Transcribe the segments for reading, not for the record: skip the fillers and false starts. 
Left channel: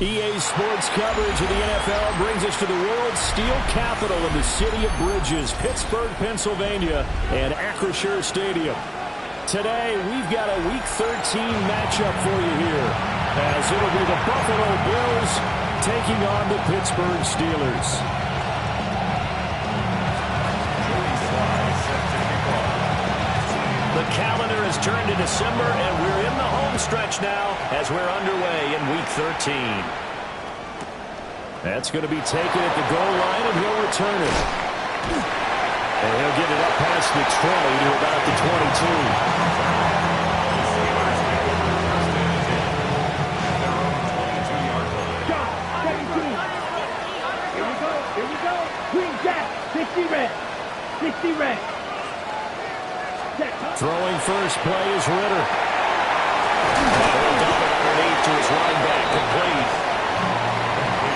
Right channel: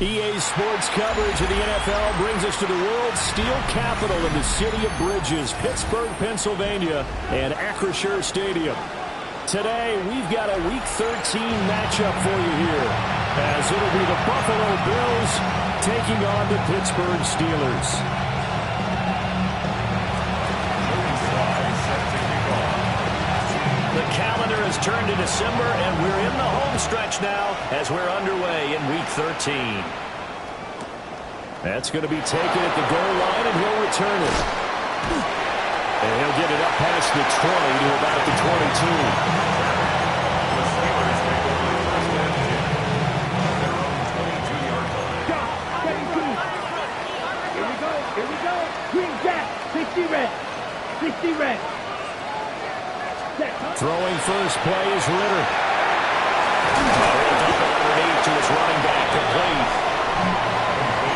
EA Sports coverage of the NFL brings us to the world's steel capital in the city of Bridges, Pittsburgh, Pennsylvania, and Acrisure Stadium. Today, we've got a Week 13 matchup for you here, as it'll be the Buffalo Bills taking on the Pittsburgh Steelers. The calendar has turned to December, and we're in the home stretch now as we're underway in Week 13. That's going to be taken at the goal line, and he'll return it. And he'll get it up past the 20 to about the 22. Here we go. Green Jack, 60 red. 60 red. Throwing first play is Ritter. He'll dump it underneath to his running back, complete.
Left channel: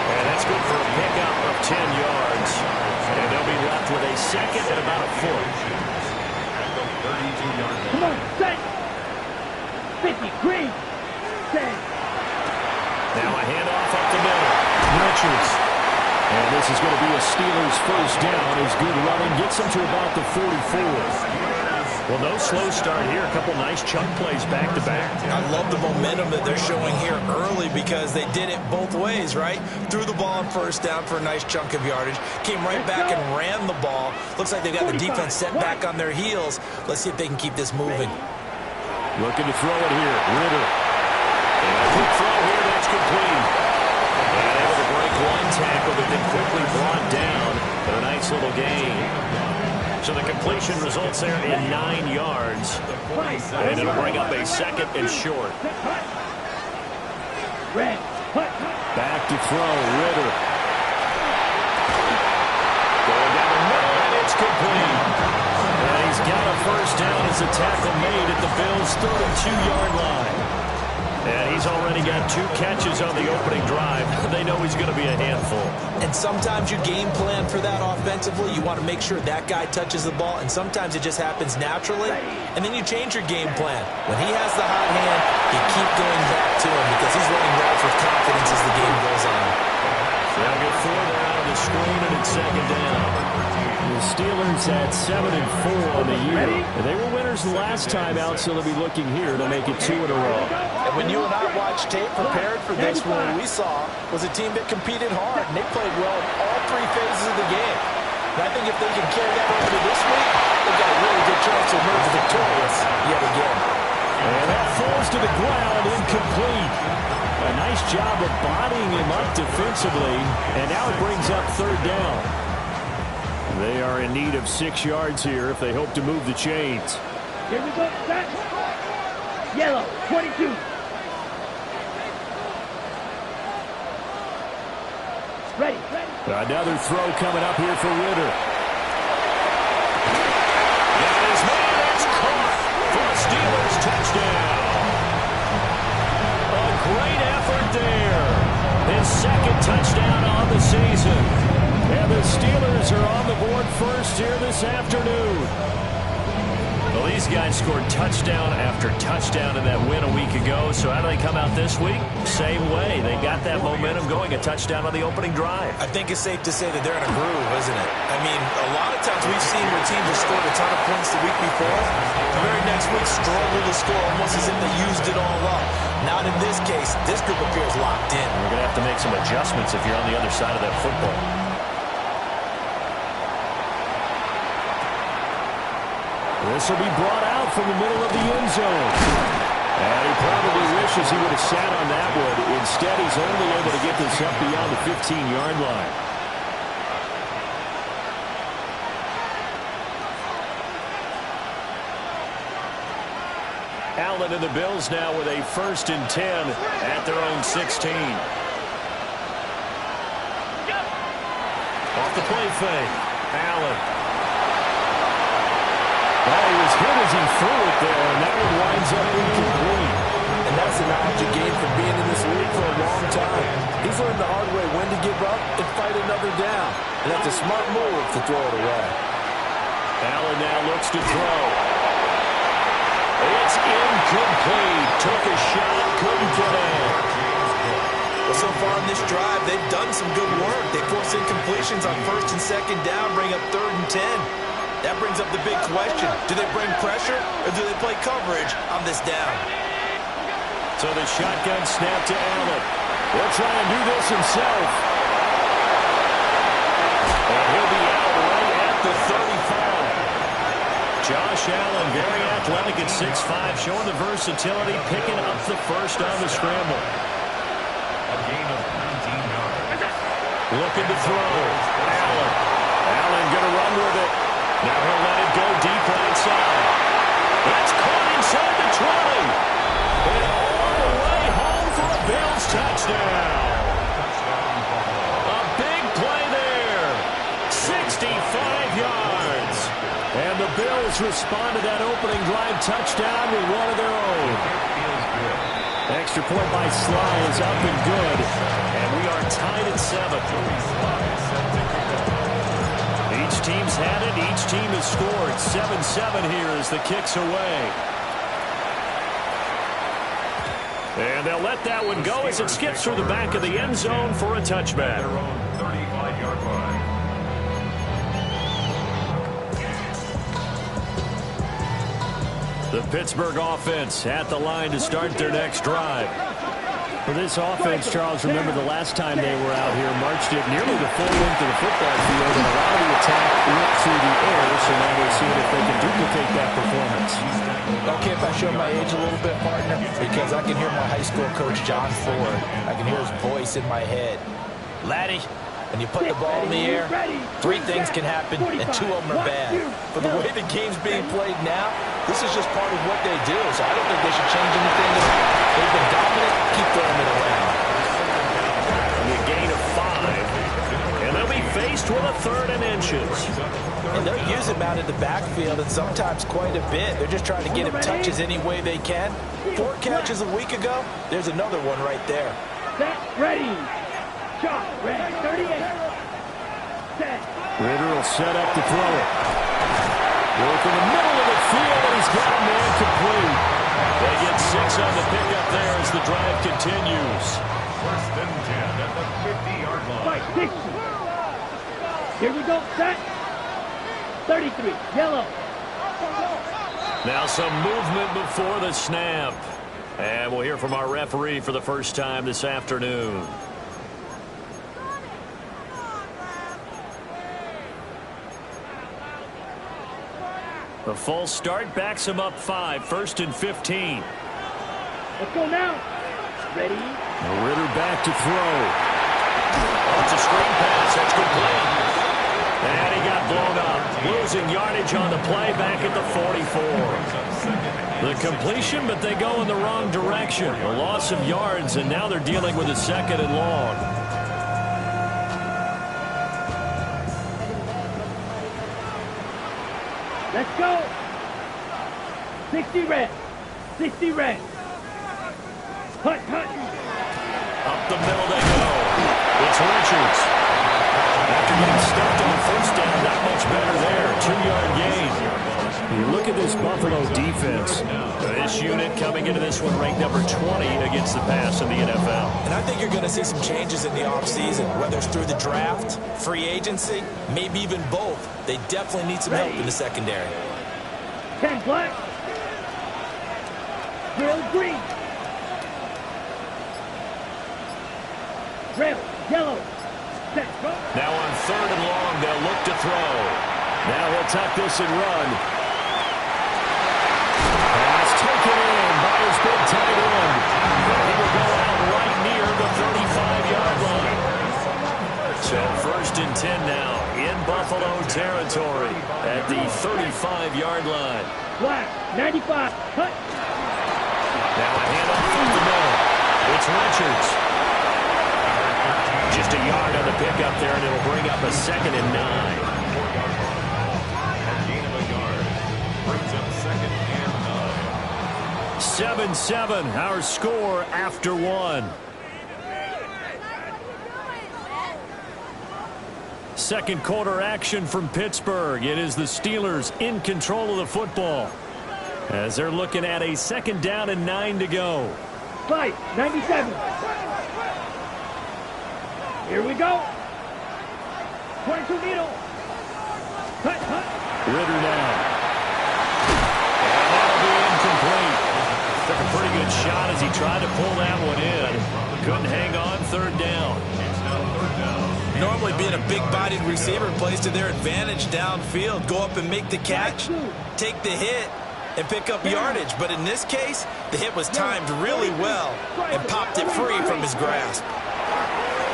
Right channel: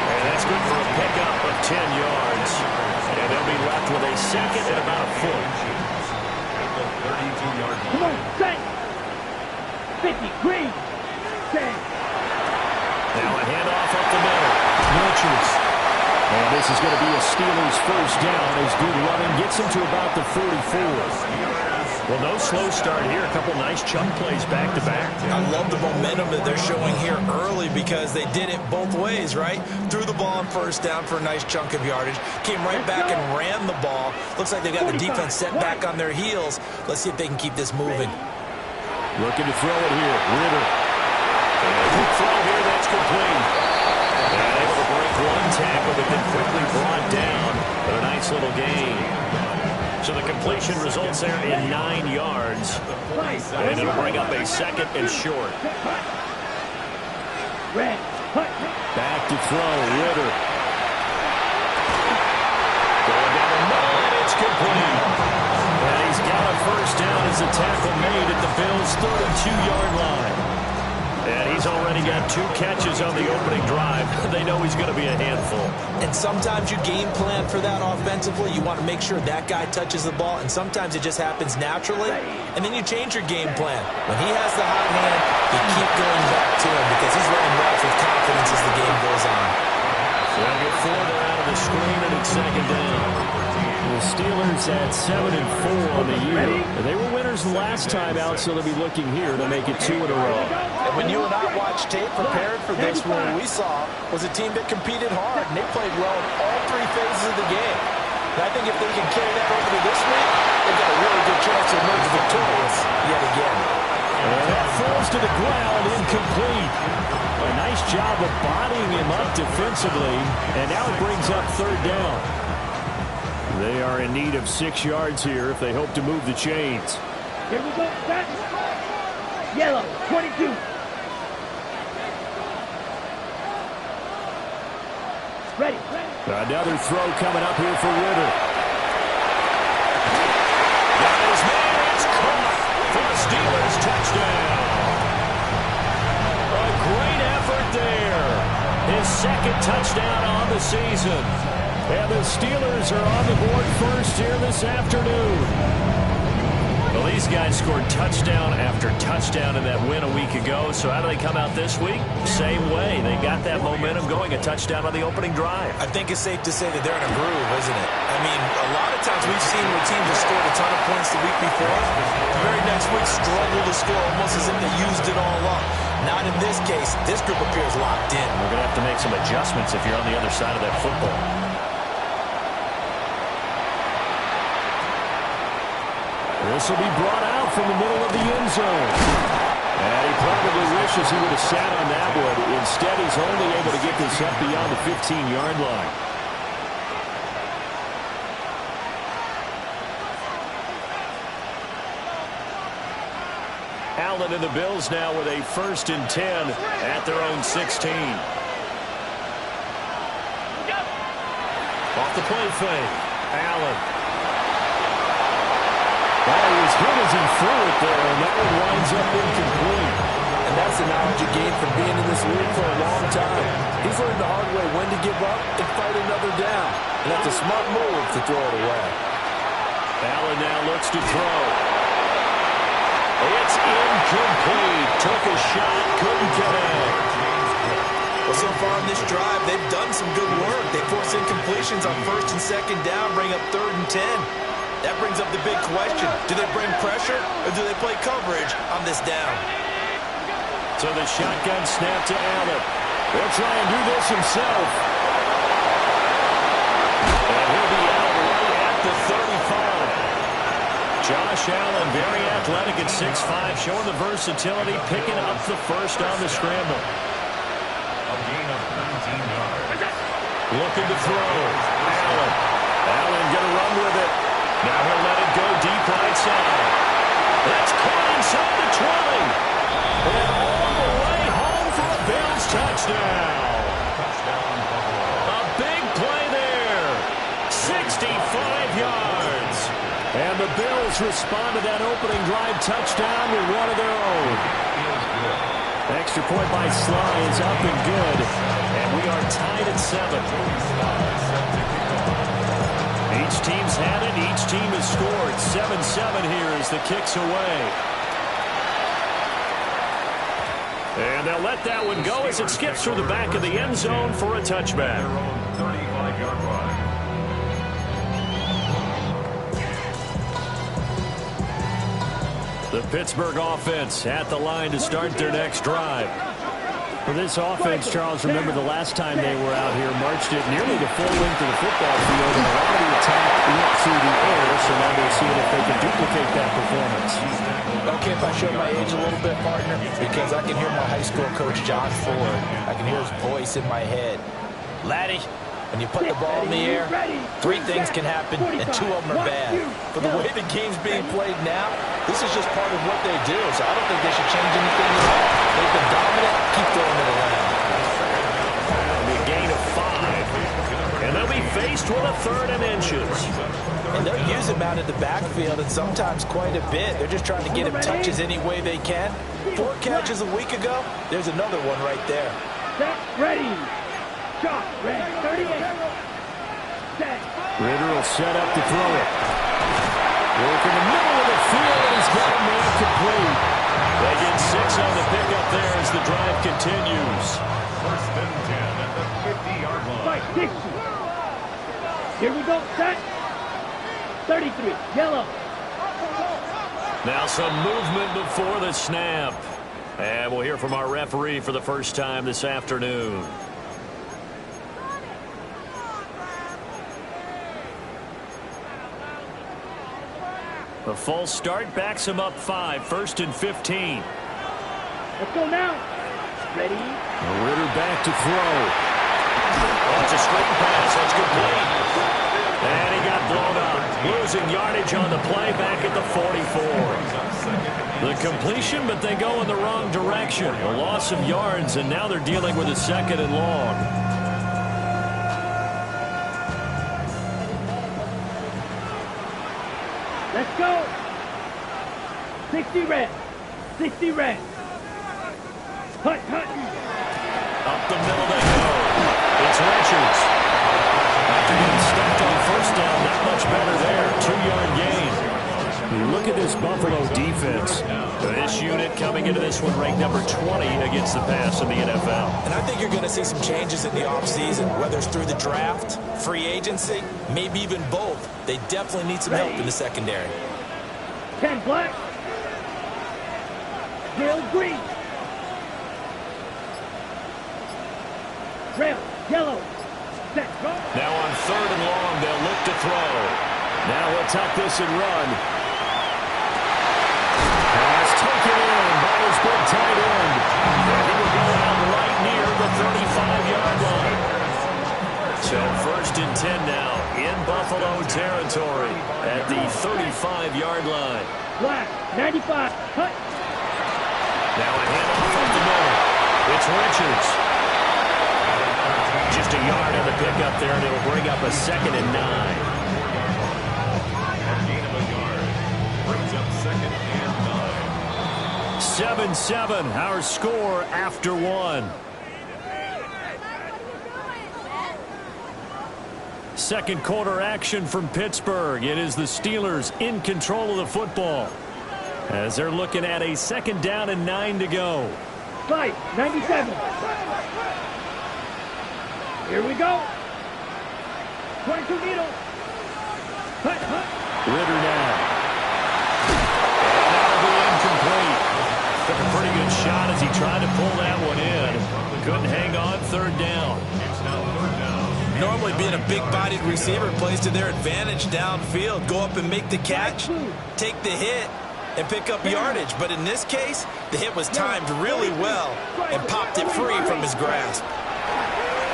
And that's good for a pickup of 10 yards. And they'll be left with a second and about a foot. At the 32-yard line. Come on, set. 50, green. 10. Now a handoff up the middle. Richards. And this is going to be a Steelers first down as good running gets him to about the 44. Well, no slow start here. A couple nice chunk plays back-to-back. I love the momentum that they're showing here early because they did it both ways, right? Threw the ball on first down for a nice chunk of yardage. Came right back and ran the ball. Looks like they've got the defense set back on their heels. Let's see if they can keep this moving. Looking to throw it here. Ritter. And a quick throw here. That's complete. And able to break one tackle, but then quickly brought down. But a nice little gain. So the completion results there in 9 yards. And it'll bring up a second and short. Back to throw, Ritter. Going down the middle, and it's complete. And he's got a first down as the tackle made at the Bills' 32-yard line. And he's already got 2 catches on the opening drive. They know he's going to be a handful. And sometimes you game plan for that offensively. You want to make sure that guy touches the ball, and sometimes it just happens naturally. And then you change your game plan. When he has the hot hand, you keep going back to him because he's running routes with confidence as the game goes on. They'll get 4 there out of the screen, and it's second down. The Steelers at 7-4 on the year. They were winners last time out, so they'll be looking here to make it 2 in a row. And when you and I watched tape prepared for this one, we saw was a team that competed hard, and they played well in all 3 phases of the game. And I think if they can carry that over to this week, they've got a really good chance to emerge victorious yet again. And that falls to the ground, incomplete. A nice job of bodying him up defensively, and now it brings up 3rd down. They are in need of 6 yards here if they hope to move the chains. Here we go. Set. Yellow, 22. Ready. Another throw coming up here for Ritter. Got his man. It's caught for a Steelers touchdown. A great effort there. His 2nd touchdown on the season. And the Steelers are on the board first here this afternoon. Well, these guys scored touchdown after touchdown in that win a week ago. So how do they come out this week? Same way. They got that momentum going, a touchdown on the opening drive. I think it's safe to say that they're in a groove, isn't it? I mean, a lot of times we've seen where teams have scored a ton of points the week before. The very next week struggle to score almost as if they used it all up. Not in this case. This group appears locked in. We're going to have to make some adjustments if you're on the other side of that football. This will be brought out from the middle of the end zone. And he probably wishes he would have sat on that one. Instead, he's only able to get this up beyond the 15-yard line. Allen and the Bills now with a 1st and 10 at their own 16. Off the play fake. Allen. Well, he was hit as he threw it there, and that one winds up incomplete. And that's the knowledge you gain from being in this league for a long time. He's learned the hard way when to give up and fight another down. And that's a smart move to throw it away. Allen now looks to throw. It's incomplete. Took a shot, couldn't connect. Well, so far in this drive, they've done some good work. They force incompletions on 1st and 2nd down, bring up 3rd and 10. That brings up the big question. Do they bring pressure or do they play coverage on this down? So the shotgun snap to Allen. He'll try and do this himself. And he'll be out right at the 35. Josh Allen, very athletic at 6'5", showing the versatility, picking up the first on the scramble. A gain of 19 yards. Looking to throw. Allen going to run with it. Now he'll let it go deep right side. That's caught inside the 20. And all the way home for a Bills touchdown. Touchdown, Buffalo. A big play there. 65 yards. And the Bills respond to that opening drive touchdown with one of their own. Feels good. Extra point by Sly is up and good. And we are tied at 7. Joey Sly set to kick off. Each team's had it. Each team has scored. 7-7 here as the kick's away. And they'll let that one go as it skips through the back of the end zone for a touchback. Their own 35-yard line. The Pittsburgh offense at the line to start their next drive. For this offense, Charles, remember the last time they were out here, marched it nearly the full length of the football field, and a lot of the attack went through the air, so now they're seeing if they can duplicate that performance. Okay, if I show my age a little bit, partner, because I can hear my high school coach, John Ford. I can hear his voice in my head. Laddie, when you put the ball in the air, 3 things can happen, and 2 of them are bad. For the way the game's being played now, this is just part of what they do, so I don't think they should change anything at all. They've been dominant. Keep throwing it around. A gain of 5, and they'll be faced with a 3rd and inches. And they'll use him out of the backfield, and sometimes quite a bit. They're just trying to get him touches any way they can. 4 catches a week ago. There's another one right there. Set, ready. Shot, ready. 38. Set. Ritter will set up to throw it. Work in the middle of the field, and he's got a man complete. They get 6 on the pickup there as the drive continues. 1st and 10 at the 50-yard line. Fight, 60. Here we go, set. 33, yellow. Now some movement before the snap. And we'll hear from our referee for the first time this afternoon. The false start backs him up 5, 1st and 15. Let's go now. Ready. Ritter back to throw. Oh, it's a screen pass. That's complete. And he got blown up. Losing yardage on the play back at the 44. The completion, but they go in the wrong direction. A loss of yards, and now they're dealing with a 2nd and long. Let's go. 60 red. 60 red. Hut, hut. Up the middle they go. It's Richards. After getting stuffed on 1st down, not much better there. 2-yard gain. You look at this Buffalo defense. This unit coming into this one ranked number 20 against the pass in the NFL. And I think you're going to see some changes in the offseason, whether it's through the draft, free agency, maybe even both. They definitely need some help in the secondary. 10 black. Drill green. Drill yellow. Set, go. Now on 3rd and long, they'll look to throw. Now he'll tuck this and run. Pass taken in by his big tight end. And he will go out right near the 35-yard line. So 1st and 10 now in Buffalo territory at the 35-yard line. Black, 95. Hut. Now a handoff up the middle. It's Richards. Just a yard on the pickup there, and it'll bring up a 2nd and 9. A gain of a yard. Brings up 2nd and 9. 7-7, our score after 1. Second quarter action from Pittsburgh. It is the Steelers in control of the football as they're looking at a 2nd down and 9 to go. Fight, 97. Here we go. 22 needle. Hut, hut. Ritter now. And that'll be incomplete. Took a pretty good shot as he tried to pull that one in. Couldn't hang on. Third down. It's now third down. Normally being a big-bodied receiver plays to their advantage downfield. Go up and make the catch, take the hit, and pick up yardage. But in this case, the hit was timed really well and popped it free from his grasp.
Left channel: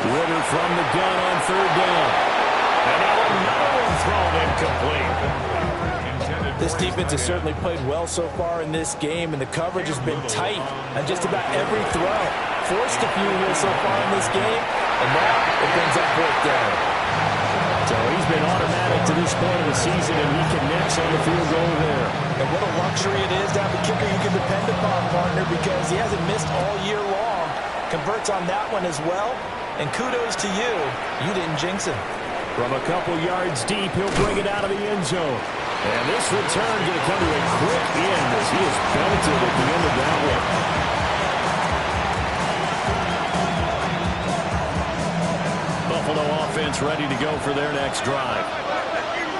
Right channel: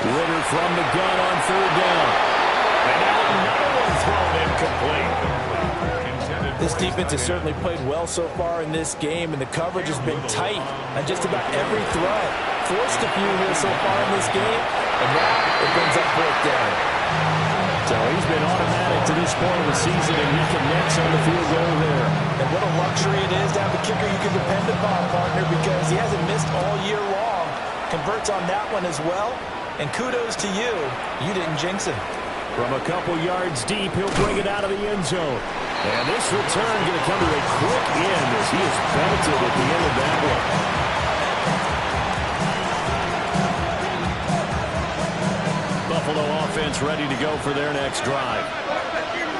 Ritter from the gun on third down. And now another one thrown incomplete. This defense has certainly played well so far in this game, and the coverage has been tight on just about every throw. Forced a few here so far in this game, and now it brings up fourth down. So he's been automatic to this point of the season, and he connects on the field goal there. And what a luxury it is to have a kicker you can depend upon, partner, because he hasn't missed all year long. Converts on that one as well, and kudos to you. You didn't jinx him. From a couple yards deep, he'll bring it out of the end zone. And this return going to come to a quick end as he is belted at the end of that one. Buffalo offense ready to go for their next drive.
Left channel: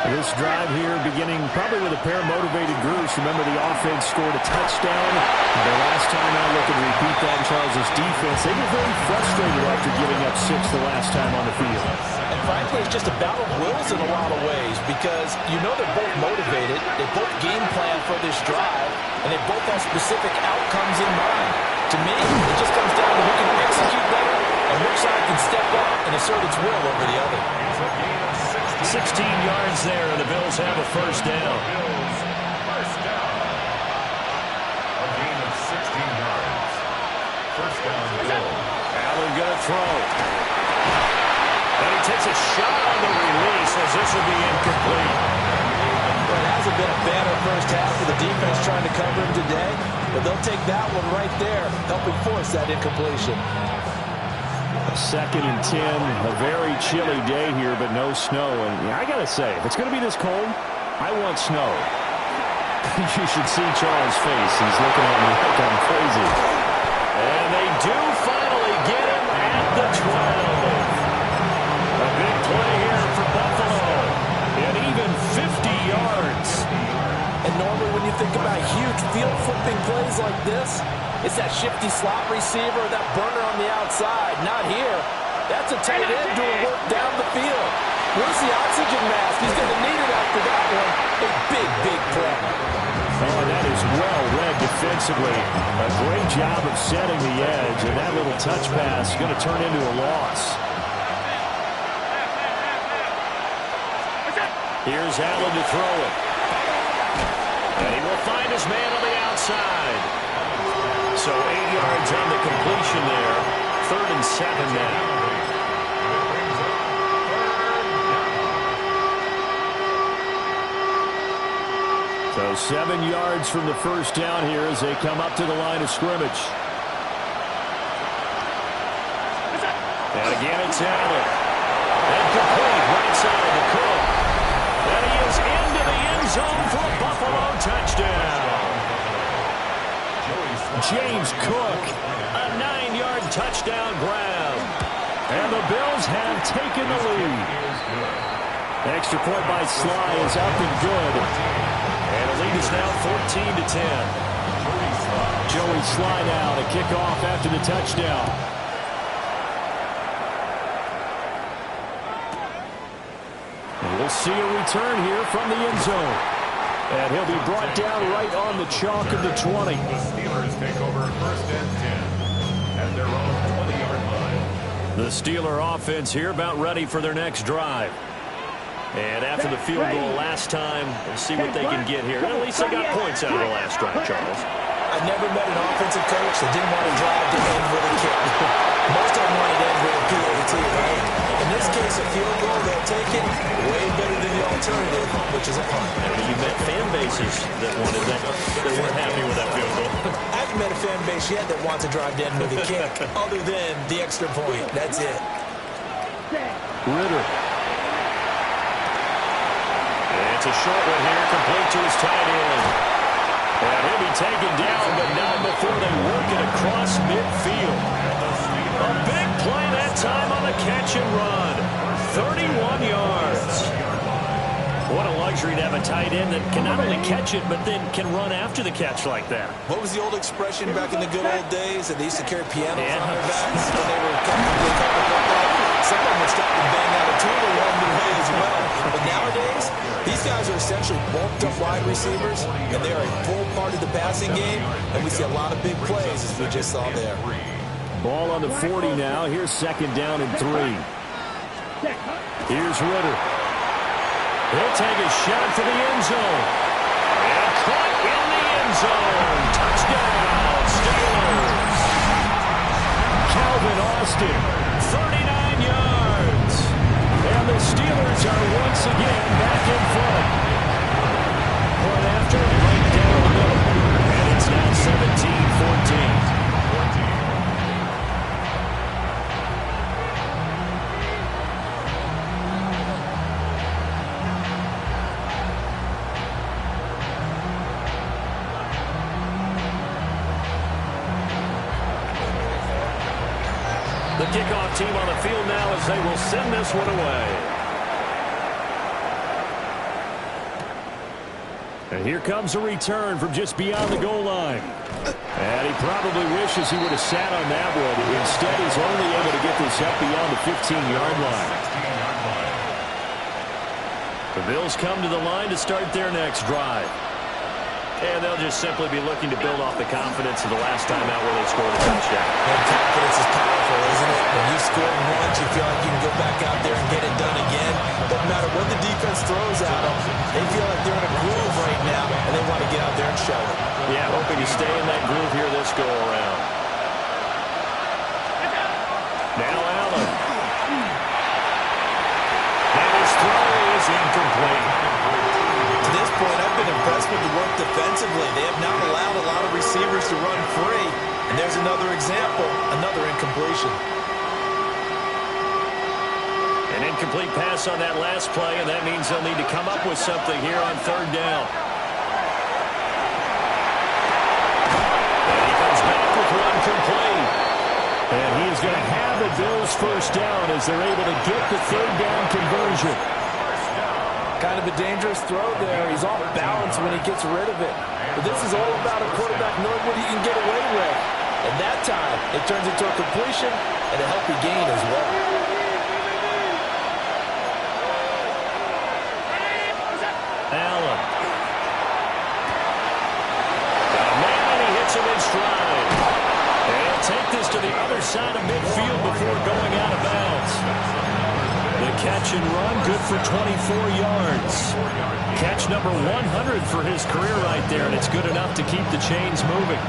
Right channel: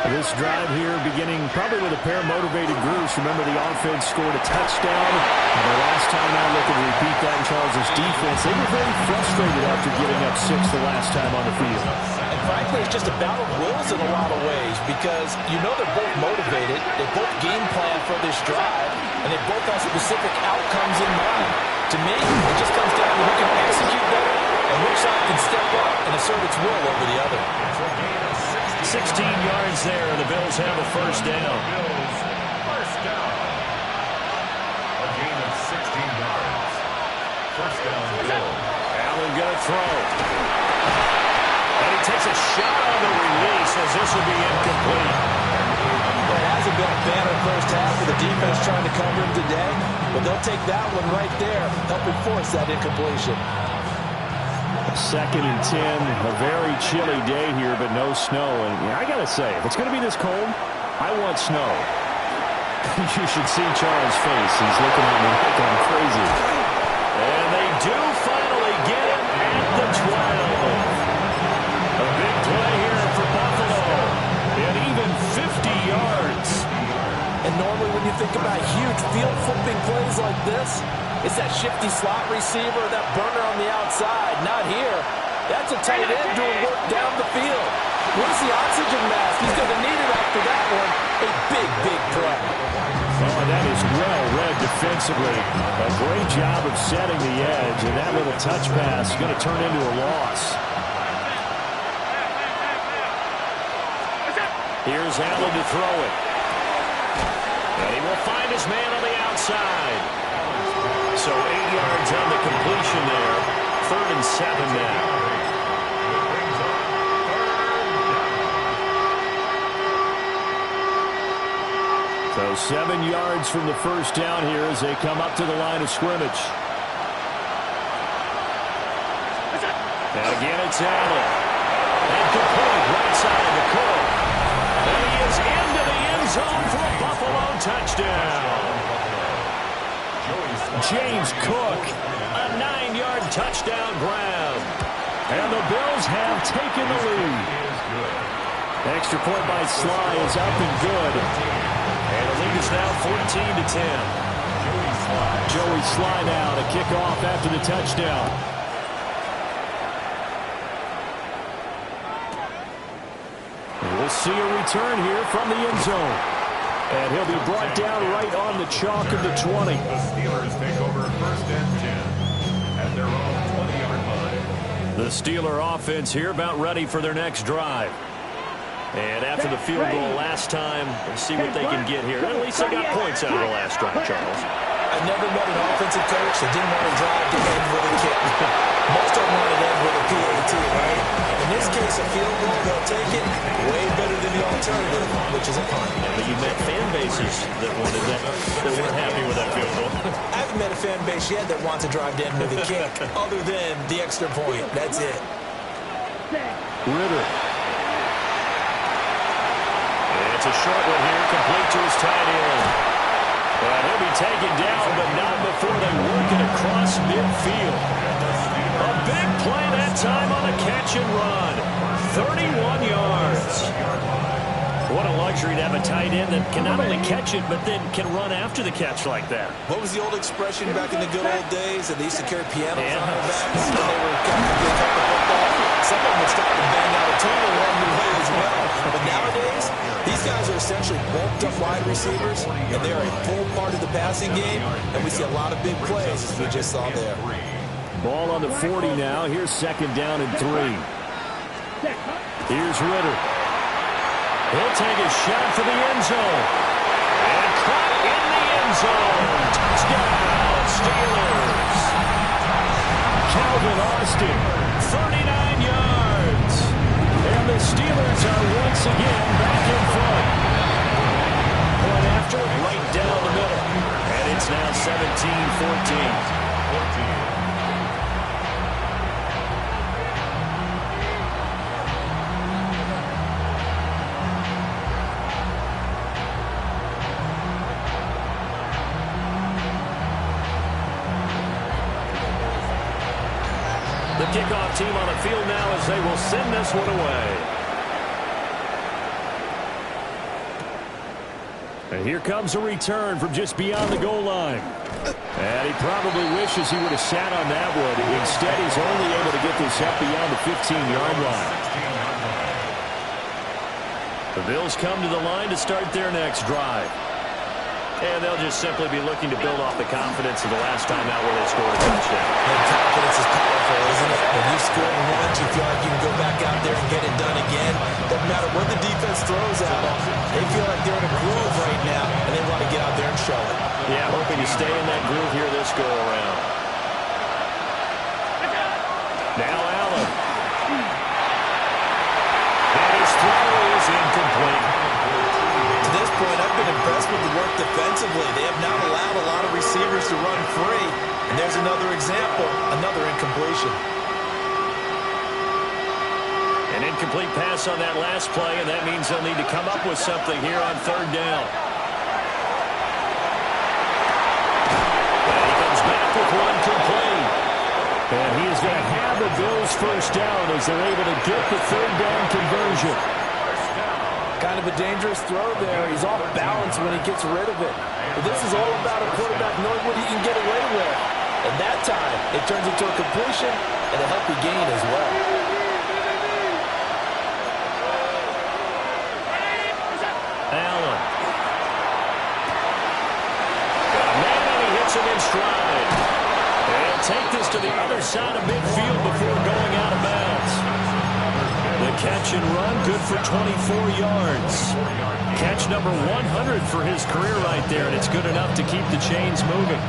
This drive here beginning probably with a pair of motivated groups. Remember, the offense scored a touchdown. The last time I look and repeat that in Charles' defense, they were very frustrated after giving up 6 the last time on the field. And frankly, it's just a battle of wills in a lot of ways because you know they're both motivated, they both game plan for this drive, and they both have specific outcomes in mind. To me, it just comes down to who can execute better and which side can step up and assert its will over the other. 16 yards there, and the Bills have a first down. Bills, first down. A gain of 16 yards. First down, Bills. Allen going to throw. And he takes a shot on the release as this will be incomplete. Well, it hasn't been a banner first half for the defense trying to cover him today, but they'll take that one right there, helping force that incompletion. 2nd and 10, a very chilly day here, but no snow. And I got to say, if it's going to be this cold, I want snow. You should see Charles' face. He's looking at me like I'm crazy. And they do finally get him at the 12. A big play here for Buffalo. And even 50 yards. And normally when you think about huge field-flipping plays like this, it's that shifty slot receiver, that burner on the outside. Not here. That's a tight end doing work down the field. Where's the oxygen mask? He's going to need it after that one. A big, big play. Oh, and that is well read defensively. A great job of setting the edge, and that little touch pass is going to turn into a loss. Here's Allen to throw it. And he will find his man on the outside. So 8 yards on the completion there. 3rd and 7 now. So 7 yards from the first down here as they come up to the line of scrimmage. And again it's Allen. And complete right side to Cook. And he is into the end zone for a Buffalo touchdown. James Cook, a 9-yard touchdown grab. And the Bills have taken the lead. Extra point by Sly is up and good. And the lead is now 14-10. Joey Sly now to kick off after the touchdown. And we'll see a return here from the end zone. And he'll be brought down right on the chalk of the 20. The Steelers take over 1st and 10 at their own 20-yard line. The Steeler offense here about ready for their next drive. And after the field goal last time, we'll see what they can get here. At least they got points out of the last drive, Charles. I've never met an offensive coach that didn't want to drive to end with a kick. Most of them want to end with a PAT, right? In this case, a field goal, they'll take it way better than the alternative, which is a punt. Yeah, but you met fan bases that wanted that weren't happy with that field goal. I haven't met a fan base yet that wants to drive to end with a kick, other than the extra point. That's it. Ritter. It's a short one here, complete to his tight end. And he'll be taken down, but not before they work it across midfield. A big play that time on the catch and run. 31 yards. What a luxury to have a tight end that can not only catch it, but then can run after the catch like that. What was the old expression back in the good old days that they used to carry pianos on their backs when they were catching the football? Some of them would stop and bang out a tune along the way as well. But nowadays, these guys are essentially bulked up wide receivers, and they are a full part of the passing game, and we see a lot of big plays as we just saw there. Ball on the 40 now. Here's second down and 3. Here's Ritter. He'll take a shot for the end zone. And caught in the end zone. Touchdown, Steelers. Calvin Austin, 39 yards. And the Steelers are once again back in front. Point after, right down the middle. And it's now 17-14. The kickoff team on the field now as they will send this one away. And here comes a return from just beyond the goal line. And he probably wishes he would have sat on that one. Instead, he's only able to get this up beyond the 15-yard line. The Bills come to the line to start their next drive. And they'll just simply be looking to build off the confidence of the last time out where they scored a touchdown. And confidence is powerful, isn't it? When you've scored once, you feel like you can go back out there and get it done again. Doesn't matter what the defense throws at them. They feel like they're in a groove right now, and they want to get out there and show it. Yeah, hoping to stay in that groove here this go-around. Now Allen. And his throw is incomplete. To this point, I've been impressed with the work defensively. They have not allowed a lot of receivers to run free. And there's another example, another incompletion. An incomplete pass on that last play, and that means they'll need to come up with something here on third down. And he comes back with one complete. And he is going to have the Bills first down as they're able to get the third down conversion. Kind of a dangerous throw there. He's off balance when he gets rid of it. But this is all about a quarterback knowing what he can get away with. And that time, it turns into a completion and a healthy gain as well. Allen. Got a man and he hits him in stride. And he'll take this to the other side of midfield before going out of bounds. The catch and run, good for 24 yards. Catch number 100 for his career right there, and it's good enough to keep the chains moving.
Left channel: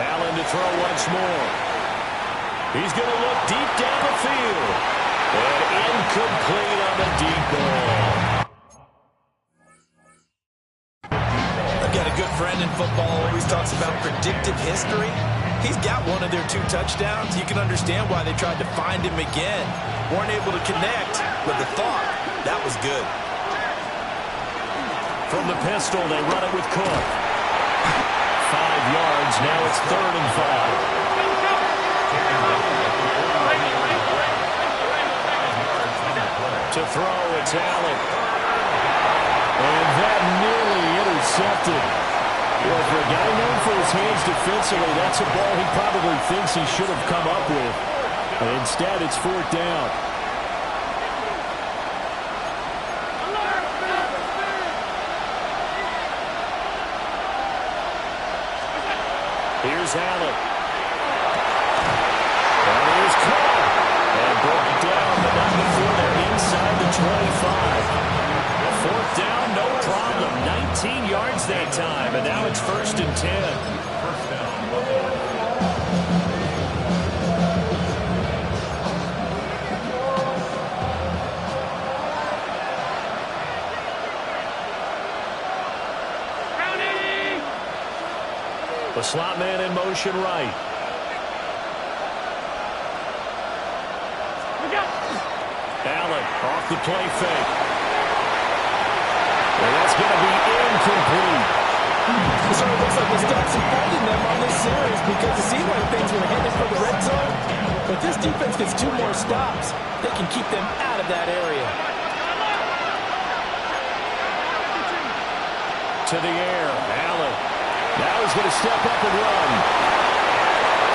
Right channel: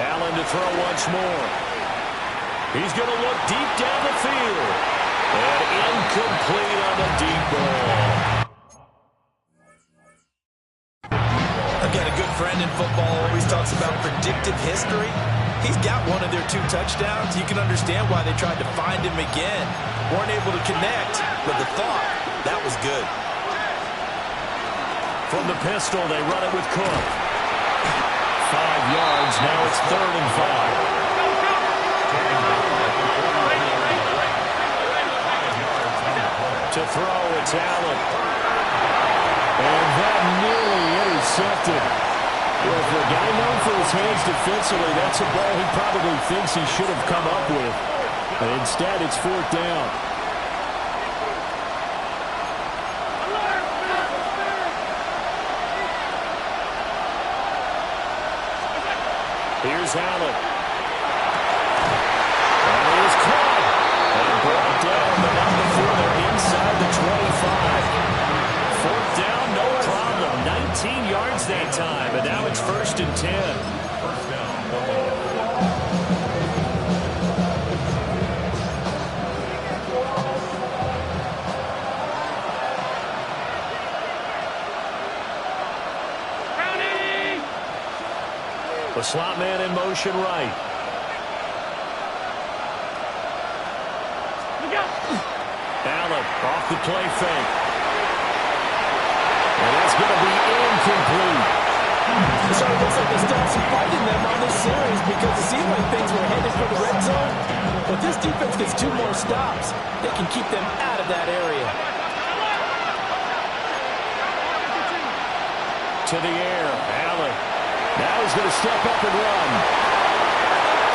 Allen to throw once more. He's going to look deep down the field. And incomplete on the deep ball. I've got a good friend in football, always talks about predictive history. He's got one of their 2 touchdowns. You can understand why they tried to find him again. Weren't able to connect, but the thought, that was good. From the pistol, they run it with Cook. 5 yards, now it's 3rd and 5. To throw, it's Allen. And that nearly intercepted. Well, for a guy known for his hands defensively, that's a ball he probably thinks he should have come up with. And instead, it's 4th down. Here's Allen. And he is caught. And brought down, but not before they're inside the 25. 4th down, no problem. 19 yards that time, and now it's 1st and 10. First down, Buffalo. The slot man in motion right. Allen off the play fake. And that's going to be incomplete. It sort of looks like they stopped some fight in them on this series because it seemed like things were headed for the red zone. But this defense gets 2 more stops. They can keep them out of that area. To the air, Allen. Now he's going to step up and run.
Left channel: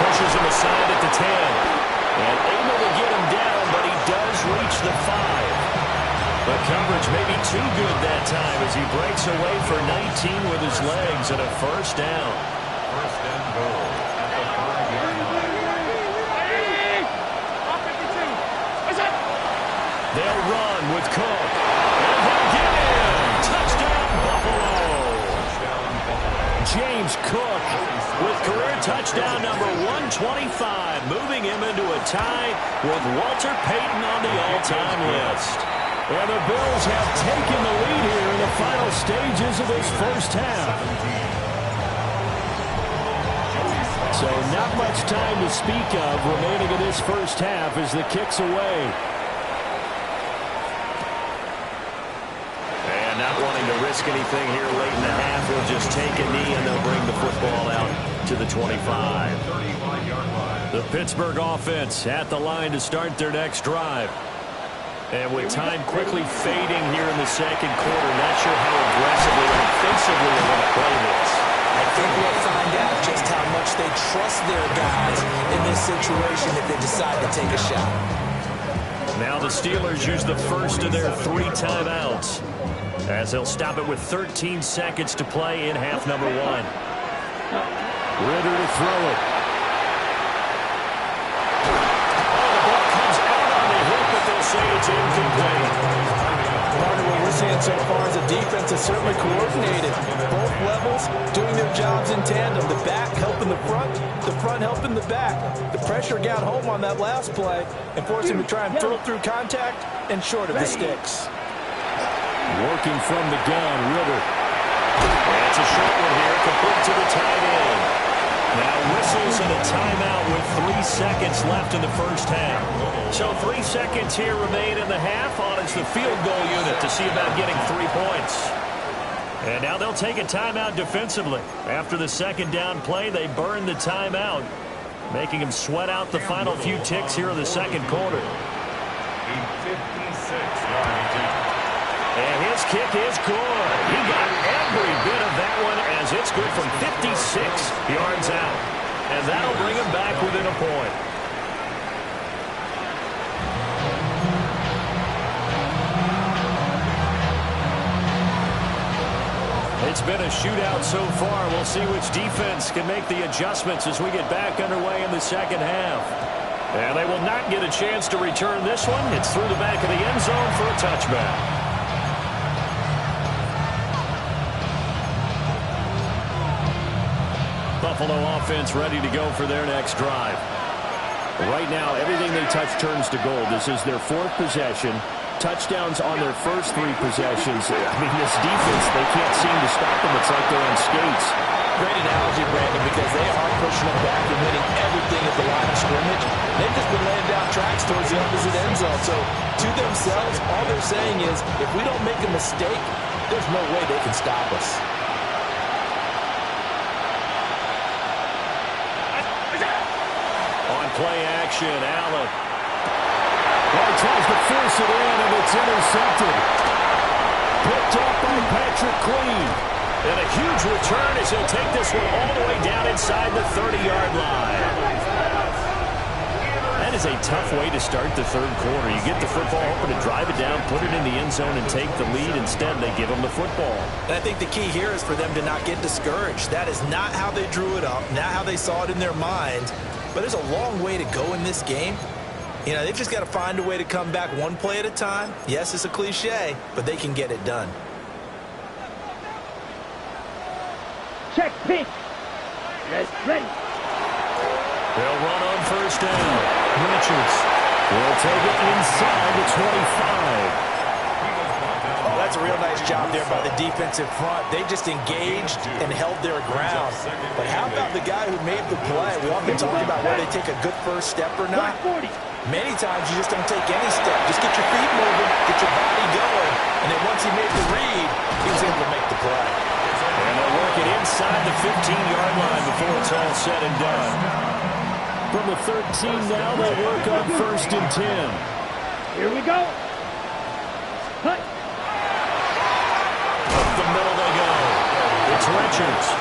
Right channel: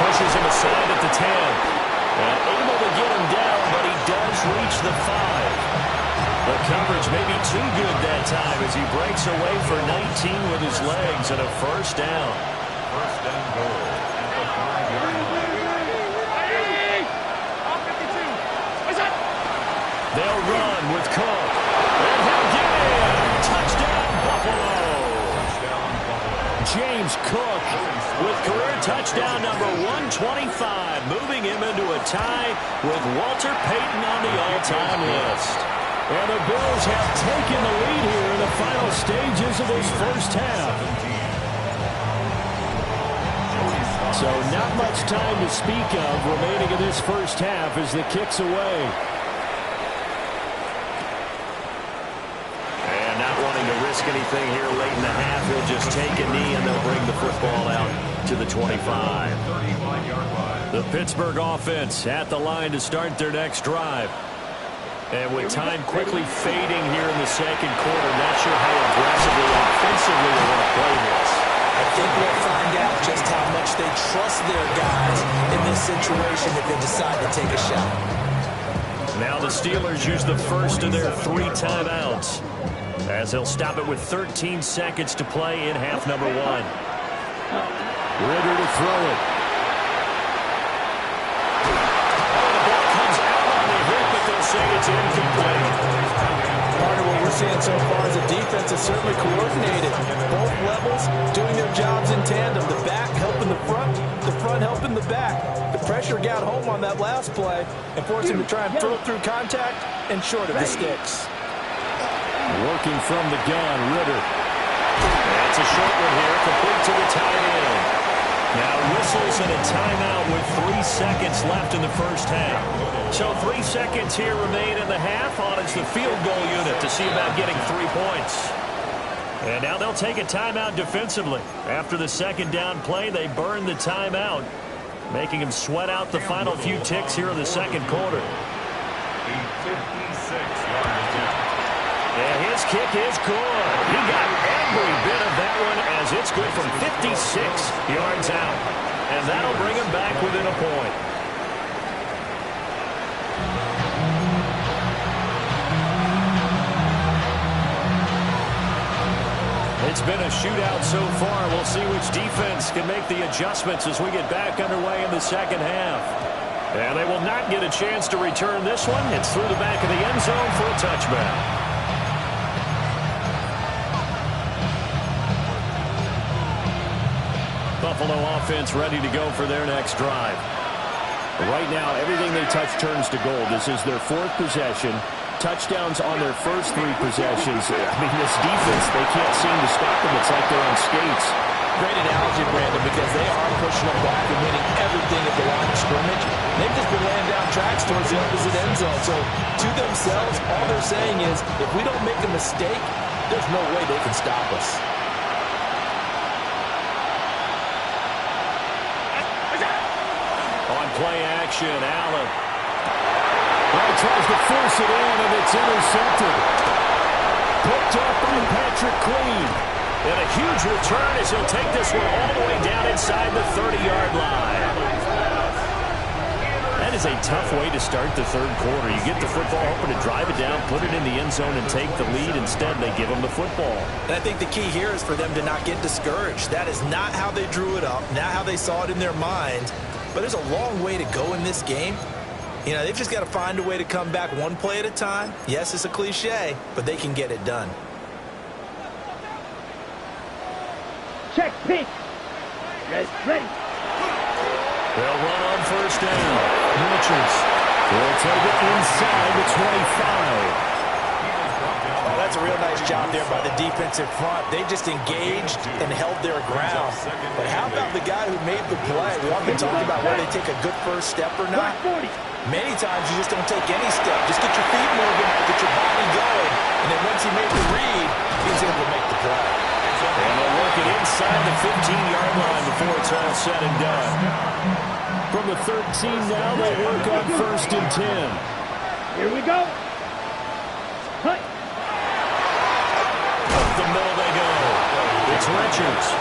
Pushes him aside at the 10. And able to get him down, but he does reach the 5. The coverage may be too good that time as he breaks away for 19 with his legs and a first down. First and goal at the 5-yard line. They'll run with Cook. And he'll get in. Touchdown, Buffalo. Touchdown, Buffalo. James Cook with career touchdown number 125, moving him into a tie with Walter Payton on the all-time list. And the Bills have taken the lead here in the final stages of this first half. So not much time to speak of remaining in this first half as the kick's away. And not wanting to risk anything here late in the half, he'll just take a knee and they'll bring the football out to the 25. The Pittsburgh offense at the line to start their next drive. And with time quickly fading here in the second quarter, not sure how aggressively, offensively they want to play this. I think we'll find out just how much they trust their guys in this situation if they decide to take a shot. Now the Steelers use the first of their 3 timeouts as they'll stop it with 13 seconds to play in half number 1. Ritter to throw it. They'll say it's incomplete. Part of what we're seeing so far is the defense is certainly coordinated. Both levels doing their jobs in tandem. The back helping the front helping the back. The pressure got home on that last play and forced him to try and throw through contact and short of the sticks. Working from the gun, Ritter. That's a short one here, complete to the tight end. Now whistles and a timeout with 3 seconds left in the first half. So 3 seconds here remain in the half on as the field goal unit to see about getting 3 points. And now they'll take a timeout defensively. After the second down play, they burn the timeout, making them sweat out the final few ticks here in the second quarter. A 56-yard attempt. And his kick is good. He got every bit of that one as it's good from 56 yards out. And that'll bring him back within a point. It's been a shootout so far. We'll see which defense can make the adjustments as we get back underway in the second half. And they will not get a chance to return this one. It's through the back of the end zone for a touchback. Buffalo offense ready to go for their next drive. Right now, everything they touch turns to gold. This is their 4th possession. Touchdowns on their first 3 possessions. I mean, this defense, they can't seem to stop them. It's like they're on skates. Great analogy, Brandon, because they are pushing them back and hitting everything at the line of scrimmage. They've just been laying down tracks towards the opposite end zone. So, to themselves, all they're saying is, if we don't make a mistake, there's no way they can stop us. On play action, Allen. Well, he tries to force it in, and it's intercepted. Picked up by Patrick Queen. And a huge return as he'll take this one all the way down inside the 30-yard line. That is a tough way to start the third quarter. You get the football, hoping to drive it down, put it in the end zone, and take the lead. Instead, they give them the football. And I think the key here is for them to not get discouraged. That is not how they drew it up, not how they saw it in their mind. But there's a long way to go in this game. You know, they've just got to find a way to come back one play at a time. Yes, it's a cliche, but they can get it done. Check, pick. Ready. They'll run on first down. Richards will take it inside the 25. Oh, that's a real nice job there by the defensive front. They just engaged and held their ground. But how about the guy who made the play? We often talk about whether they take a good first step or not. Many times you just don't take any step. Just get your feet moving, get your body going, and then once he made the read, he was able to make the play. And they'll work it inside the 15-yard line before it's all said and done. From the 13 now, they work on 1st and 10. Here we go. Hut. Up the middle they go. It's Richards.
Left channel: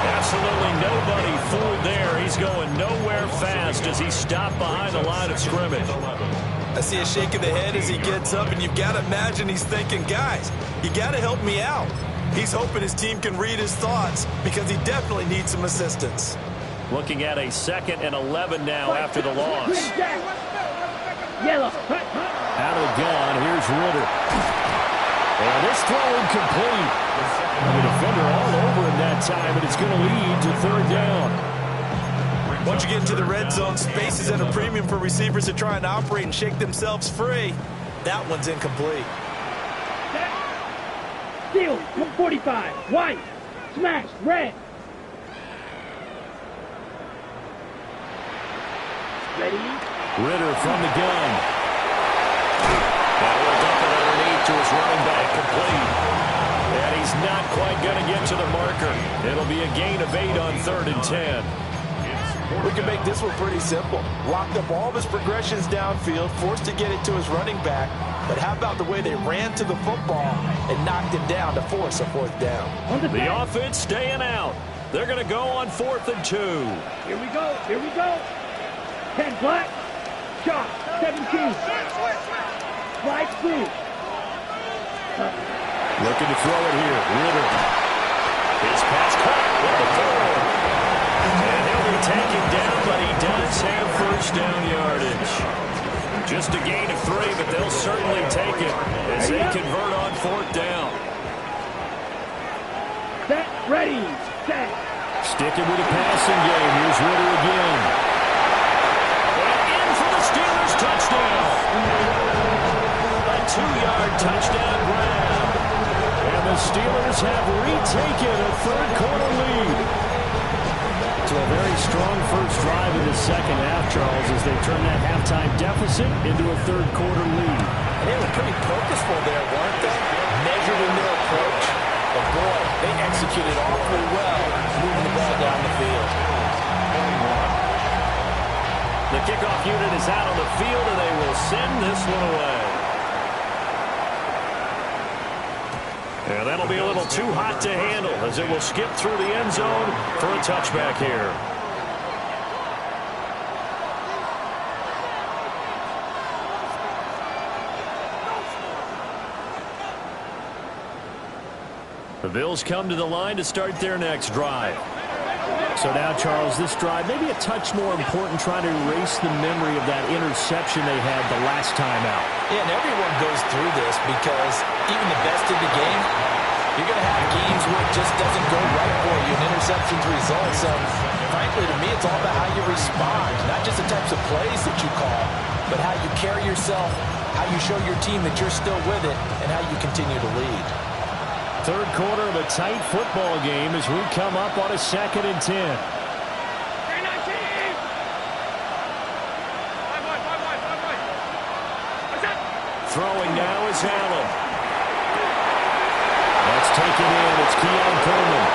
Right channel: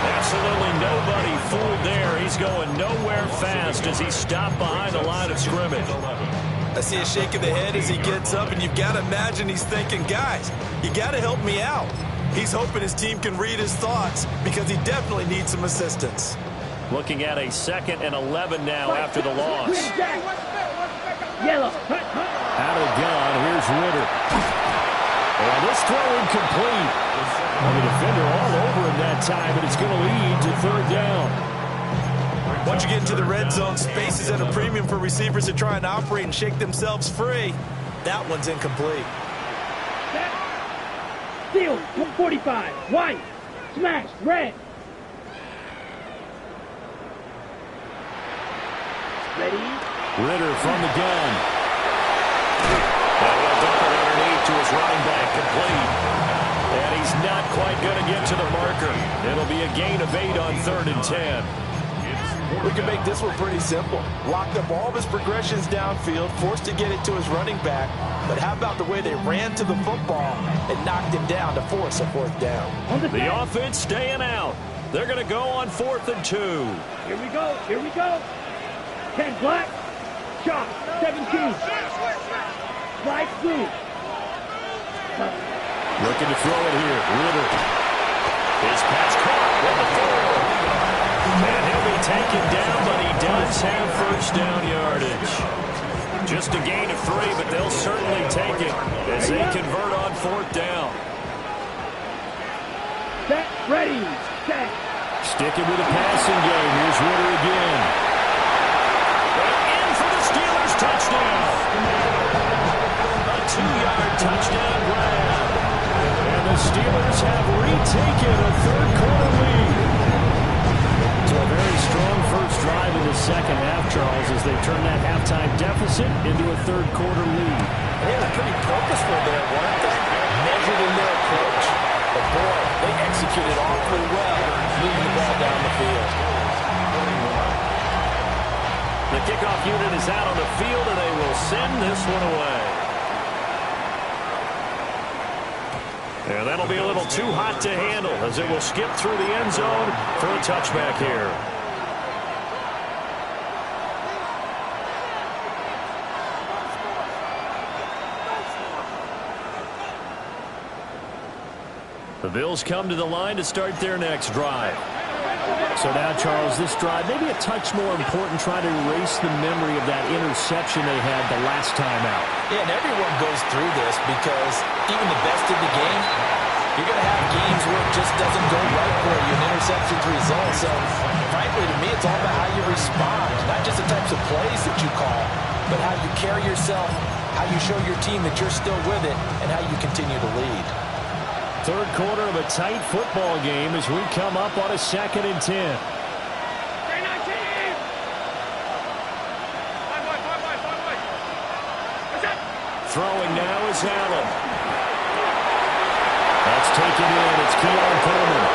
Absolutely nobody fooled there. He's going nowhere fast as he stopped behind the line of scrimmage. I see a shake of the head as he gets up, and you've got to imagine he's thinking, guys, you got to help me out. He's hoping his team can read his thoughts because he definitely needs some assistance. Looking at a 2nd and 11 now after the loss. Yellow. Out of the gun, here's Ritter. And this throw incomplete. The defender all over him that time, and it's going to lead to 3rd down. Once you get into the red zone, space is at a premium for receivers to try and operate and shake themselves free. That one's incomplete. Steal, 45, white, smash, red. Ready? Ritter from the gun. And he'll dump it underneath to his running back, complete. And he's not quite going to get to the marker. It'll be a gain of 8 on 3rd and 10. We can make this one pretty simple. Locked up all of his progressions downfield, forced to get it to his running back. But how about the way they ran to the football and knocked him down to force a 4th down? The offense staying out. They're going to go on 4th and 2. Here we go. Here we go. 10 black. Chop. 17. Light blue. Looking to throw it here. Ritter. His pass caught with the throw. And he'll be taken down, but he does have 1st down yardage. Just a gain of 3, but they'll certainly take it as they convert on 4th down. Set. Ready. Set. Sticking with the passing game. Here's Ritter again. And in for the Steelers touchdown. A 2-yard touchdown grab. And the Steelers have retaken a 3rd quarter lead. So a very strong first drive in the 2nd half, Charles, as they turn that halftime deficit into a 3rd quarter lead. And they were pretty purposeful there, weren't they? Measured in their approach. But boy, they executed awfully well, moving the ball down the field. The kickoff unit is out on the field, and they will send this one away. And that'll be a little too hot to handle as it will skip through the end zone for a touchback here. The Bills come to the line to start their next drive. So now, Charles, this drive maybe a touch more important, trying to erase the memory of that interception they had the last time out. Yeah, and everyone goes through this because even the best in the game, you're going to have games where it just doesn't go right for you, and interceptions result. So, frankly, to me, it's all about how you respond, not just the types of plays that you call, but how you carry yourself, how you show your team that you're still with it, and how you continue to lead. 3rd quarter of a tight football game as we come up on a 2nd and 10. Throwing now is Allen. That's taken in. It's Keon Coleman.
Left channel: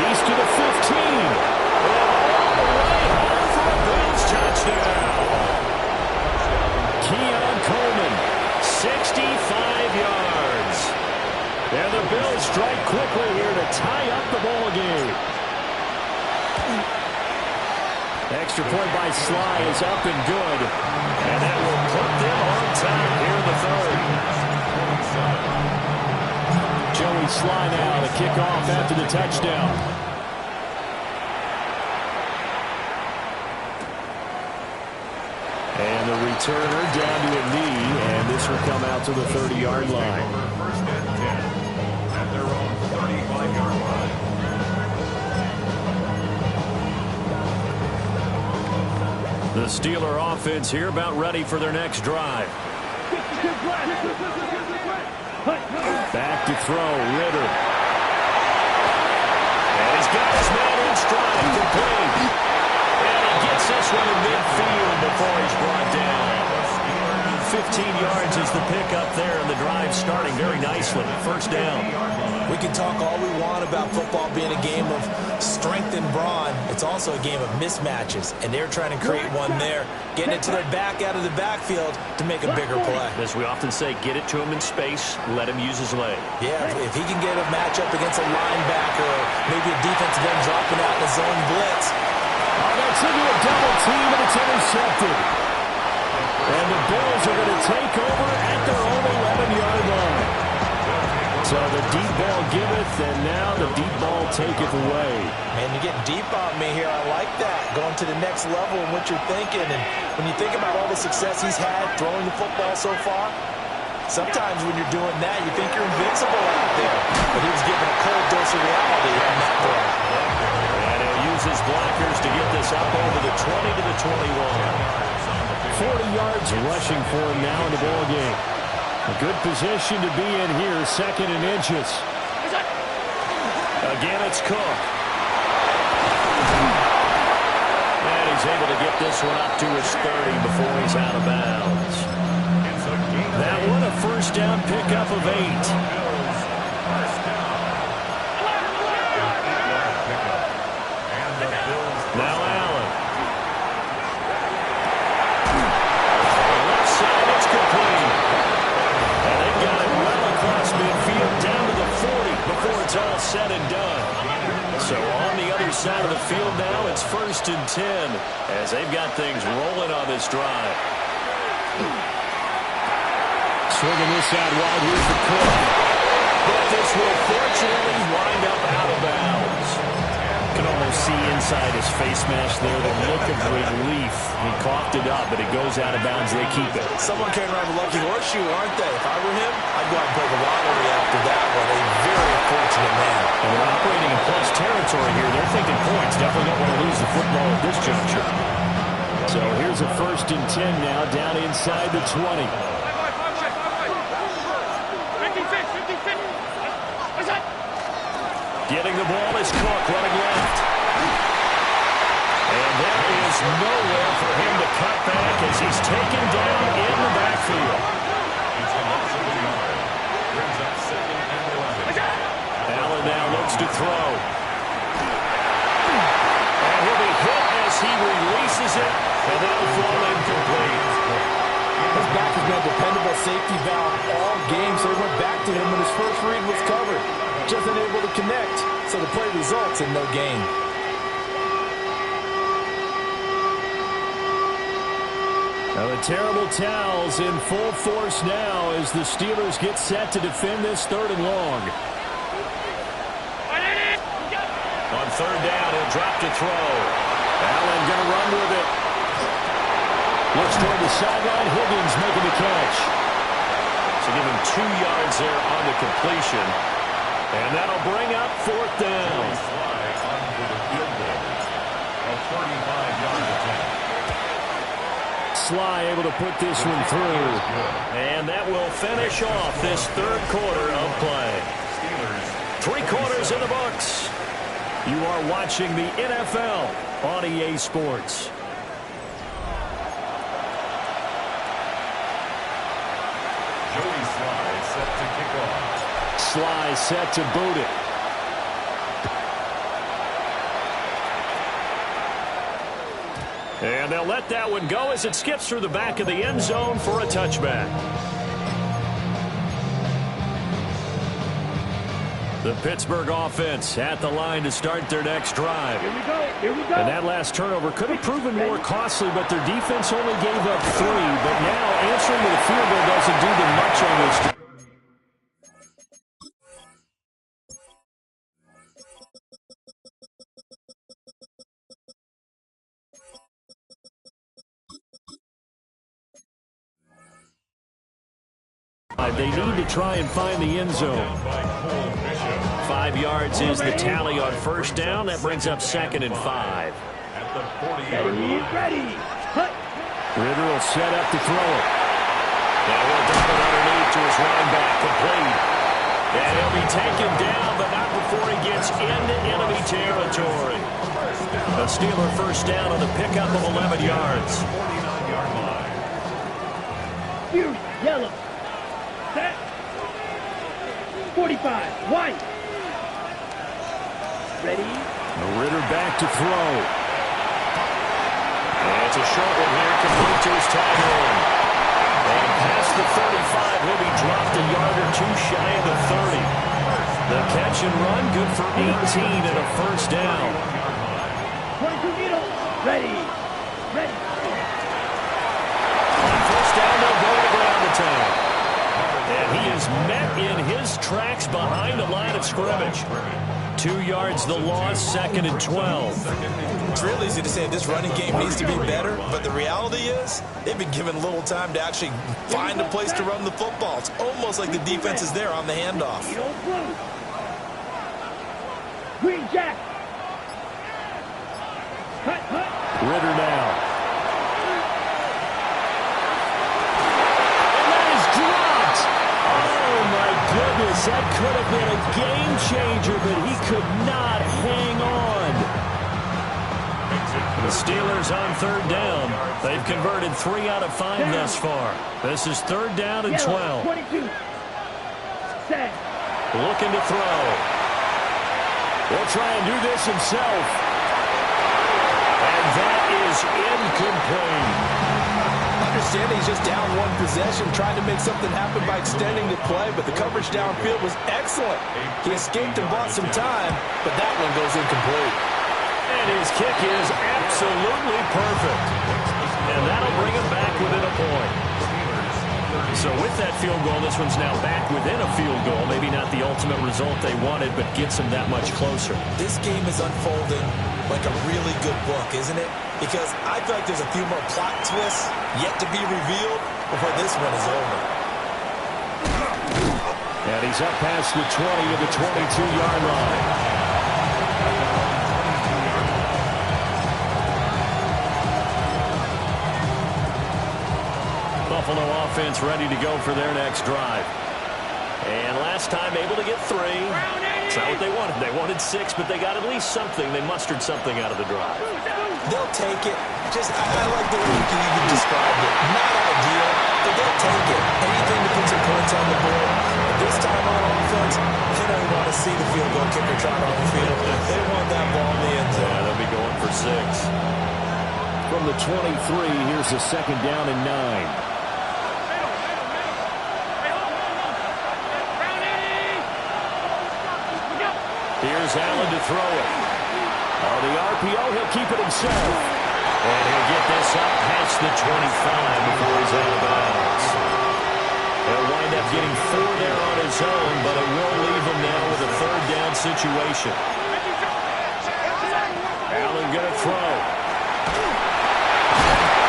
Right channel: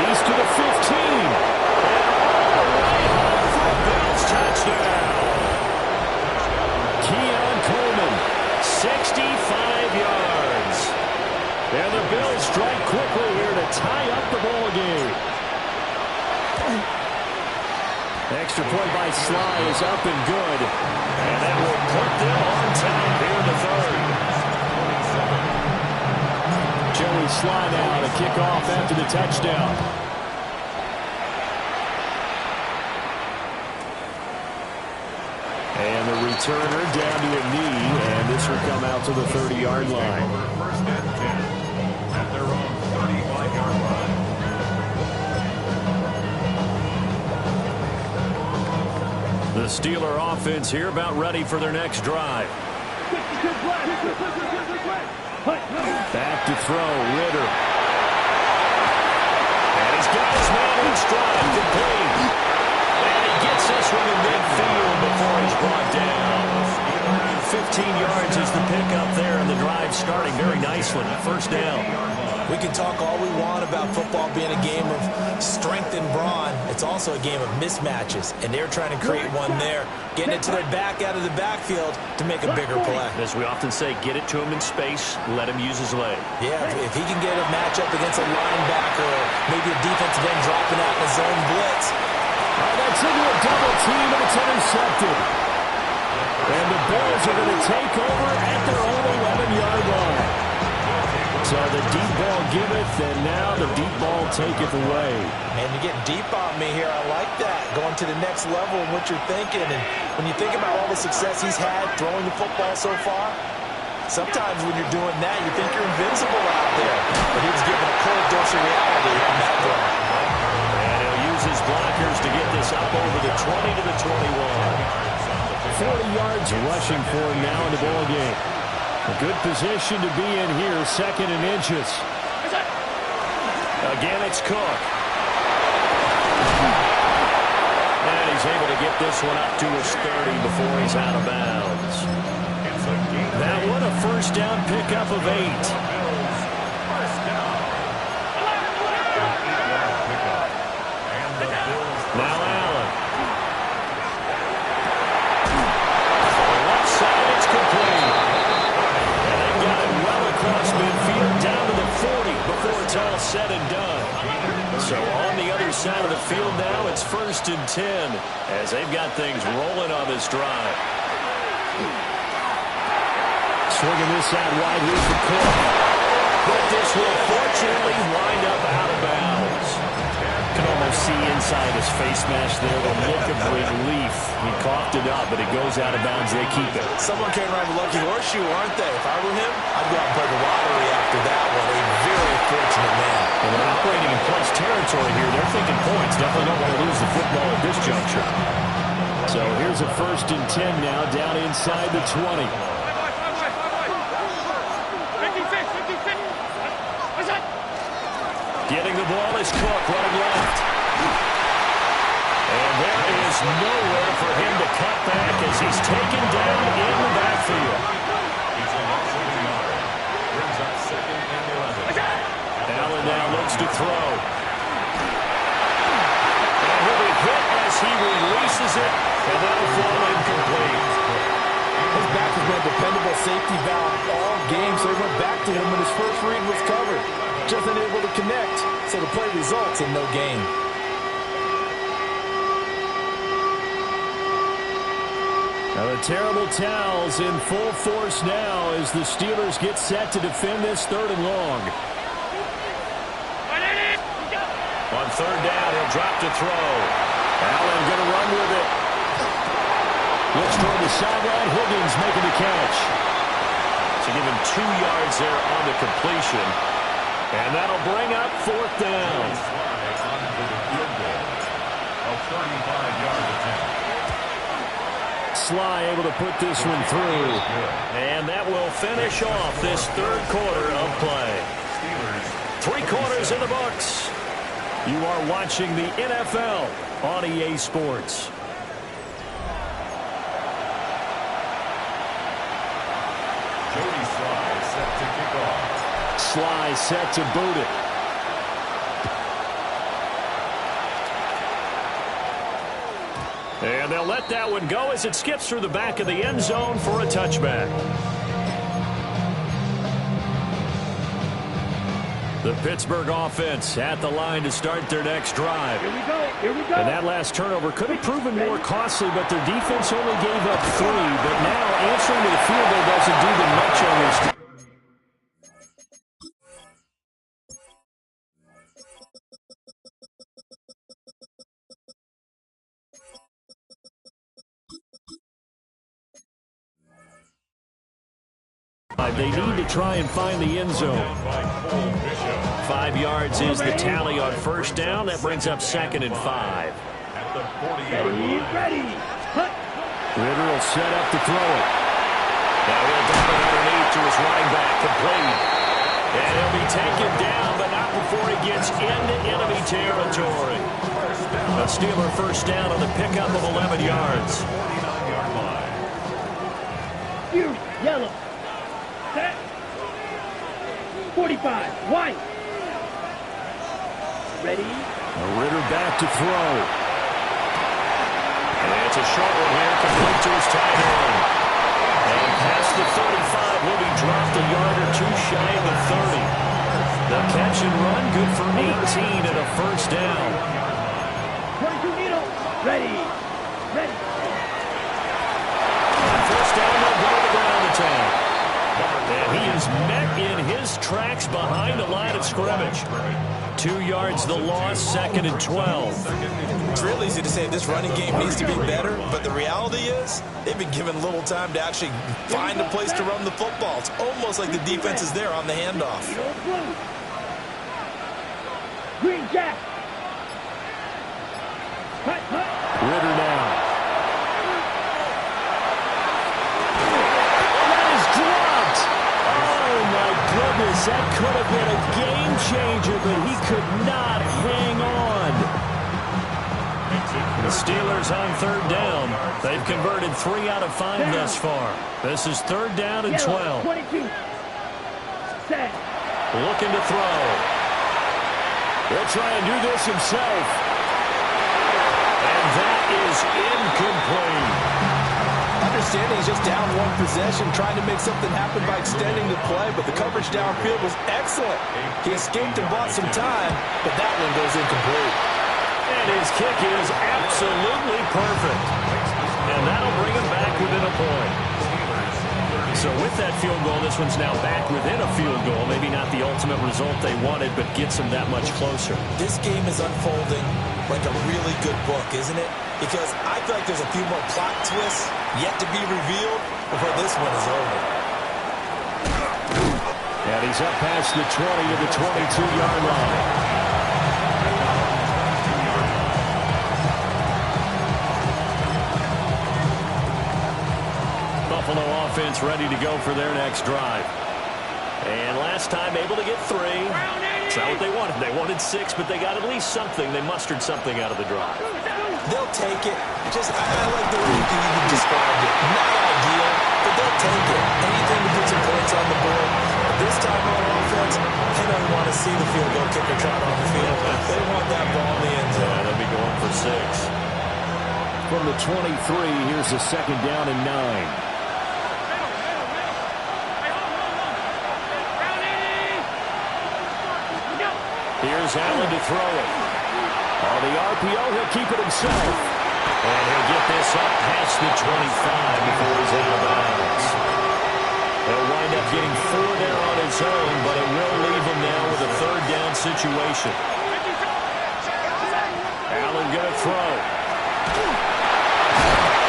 He's to the 15. And all the way home for a Bills touchdown. Keon Coleman, 65 yards. And the Bills strike quickly here to tie up the ball game. Extra point by Sly is up and good. And that will put them on top here in the 3rd. Joey Sly now to kick off after the touchdown. And the returner down to a knee, and this will come out to the 30-yard line. 1st and 10 at their own 35-yard line. The Steeler offense here about ready for their next drive. Back to throw, Ritter. And he's got his man in stride, complete. And he gets this one in midfield before he's brought down. 15 yards is the pickup there, and the drive starting very nicely. First down. We can talk all we want about football being a game of strength and brawn. It's also a game of mismatches, and they're trying to create one there, getting it to their back out of the backfield to make a bigger play. As we often say, get it to him in space, let him use his leg. Yeah, if he can get a matchup against a linebacker or maybe a defensive end dropping out in a zone blitz. Oh, that's into a double team, and it's intercepted. And the Bills are going to take over at their own 11-yard line. So the deep ball giveth, and now the deep ball taketh away. Man, you're getting deep on me here. I like that. Going to the next level in what you're thinking. And when you think about all the success he's had throwing the football so far, sometimes when you're doing that, you think you're invincible out there. But he was given a cold dose of reality on that throw. And he'll use his blockers to get this up over the 20 to the 21. 40 yards rushing for him now in the ball game. A good position to be in here, 2nd and inches. Again, it's Cook. And he's able to get this one up to his 30 before he's out of bounds. That one, a first down pickup of 8. Now Allen. Throwing left side, it's complete. And they've got it well across midfield, down to the 40 before it's all said and done. So on the other side of the field now, it's 1st and 10 as they've got things rolling on this drive. Swinging this out wide here for Cook. But this will fortunately wind up out of bounds. Can almost see inside his face mask there the look of relief. He coughed it up, but it goes out of bounds. They keep it. Someone came around with a lucky horseshoe, aren't they? If I were him, I'd go out and play the lottery after that one. A very fortunate man. And they're operating in plus territory here. They're thinking points. Definitely don't want to lose the football at this juncture. So here's a 1st and 10 now, down inside the 20. Getting the ball is Cook, running left. And there is nowhere for him to cut back as he's taken down in the backfield. It's a loss of a yard. Brings up 2nd and 11. Allen now looks to throw. And he'll be hit as he releases it, and that'll fall incomplete. His back has been a dependable safety valve all game, so he went back to him when his first read was covered. Just unable to connect, so the play results in no gain. Now the terrible towels in full force now as the Steelers get set to defend this 3rd and long. On 3rd down, he'll drop to throw. Allen going to run with it. Looks toward the sideline. Higgins making the catch. So give him 2 yards there on the completion. And that'll bring up 4th down. Sly on for the field goal. A 35-yard attempt. Sly able to put this one through. And that will finish off this 3rd quarter of play. Steelers 3 quarters in the books. You are watching the NFL on EA Sports. Jody Sly set to kick off. Sly set to boot it. And they'll let that one go as it skips through the back of the end zone for a touchback. The Pittsburgh offense at the line to start their next drive. Here we go. Here we go. And that last turnover could have proven more costly, but their defense only gave up 3. But now answering with a field goal doesn't do them much on this drive. They need to try and find the end zone. 5 yards is the tally on 1st down. That brings up 2nd and 5. At the 40-yard line. Ready. Ritter will set up to throw it. Now he'll dump it underneath to his running back, complete. And he'll be taken down, but not before he gets into enemy territory. A Steeler 1st down on the pickup of 11 yards. Fury, yellow. Set. 45, white. Ready? Ritter back to throw. And it's a short one here, complete to his tight end. And past the 35, he'll be dropped a yard or two shy of the 30. The catch and run, good for 18 and a first down. 22 needle. Ready. Ready. On first down, they'll go to the ground attack. And he is met in his tracks behind the line of scrimmage. 2 yards the loss, 2nd and 12. It's real easy to say this running game needs to be better, but the reality is they've been given little time to actually find a place to run the football. It's almost like the defense is there on the handoff. Needle blue. Green jack. Cut. Ritter now. Oh, my goodness, that could have been a game changer, but he could not hang on. The Steelers on third down. They've converted 3 out of 5 thus far. This is 3rd down and 12. 22. Set. Looking to throw. He'll try and do this himself. And that is incomplete. Understanding he's just down one possession, trying to make something happen by extending the play, but the coverage downfield was excellent. He escaped and bought some time, but that one goes incomplete. And his kick is absolutely perfect. And that'll bring him back within a point. So with that field goal, this one's now back within a field goal. Maybe not the ultimate result they wanted, but gets them that much closer. This game is unfolding like a really good book, isn't it? Because I feel like there's a few more plot twists yet to be revealed before this one is over. And he's up past the 20 to the 22-yard line. Buffalo offense ready to go for their next drive. And last time able to get 3. It's not what they wanted. They wanted 6, but they got at least something. They mustered something out of the drive. They'll take it. I like the way you described it. Not ideal, but they'll take it. Anything to put some points on the board. But this time on offense, they don't want to see the field goal kicker trot on the field. They want that ball in the end zone. Yeah, they'll be going for 6. From the 23, here's a 2nd down and 9. Here's Allen to throw it. On the RPO, he'll keep it himself. And he'll get this up past the 25 before he's out of bounds. He'll wind up getting 4 there on his own, but it will leave him now with a 3rd down situation. Allen going to throw.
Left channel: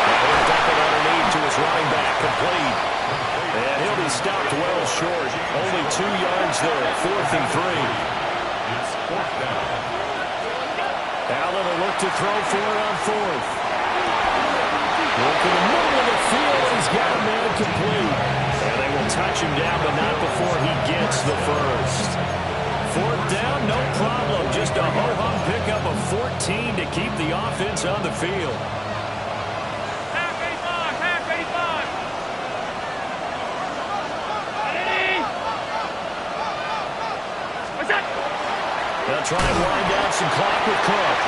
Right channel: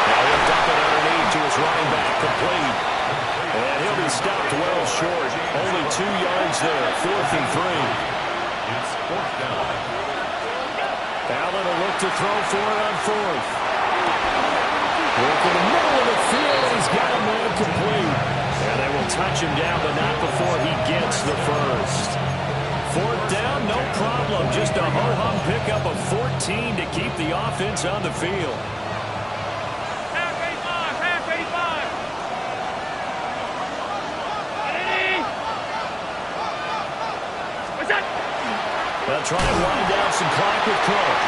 Now he'll dump it underneath to his running back, complete. And he'll be stopped well short. Only 2 yards there, 4th and 3. It's 4th down. Allen will look to throw for it on 4th. Look in the middle of the field, and he's got a man complete. And they will touch him down, but not before he gets the first. 4th down, no problem. Just a ho-hum pickup of 14 to keep the offense on the field. Half 85. What's that? They'll try and wind down some clock with Cook.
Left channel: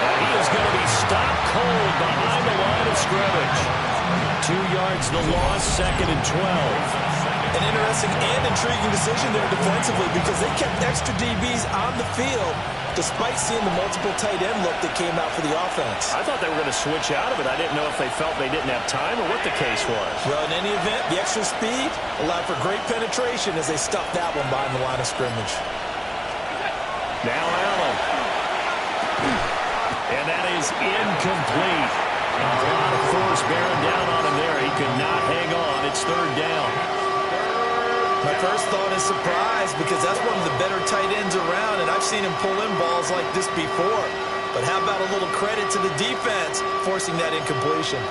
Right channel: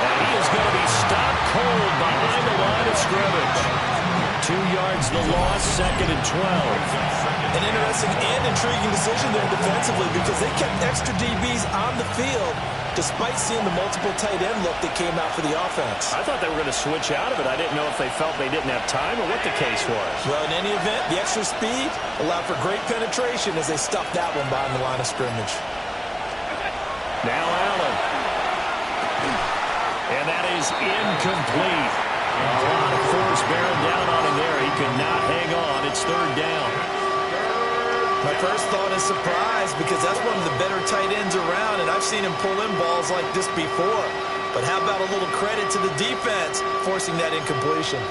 And he is going to be stopped cold behind the line of scrimmage. 2 yards the loss, 2nd and 12. An interesting and intriguing decision there defensively because they kept extra DBs on the field despite seeing the multiple tight end look that came out for the offense. I thought they were going to switch out of it. I didn't know if they felt they didn't have time or what the case was. Well, in any event, the extra speed allowed for great penetration as they stuffed that one behind the line of scrimmage. Now Allen. And that is incomplete. A lot of force bearing down on him there. He could not hang on. It's 3rd down. My first thought is surprise because that's one of the better tight ends around, and I've seen him pull in balls like this before. But how about a little credit to the defense forcing that incompletion?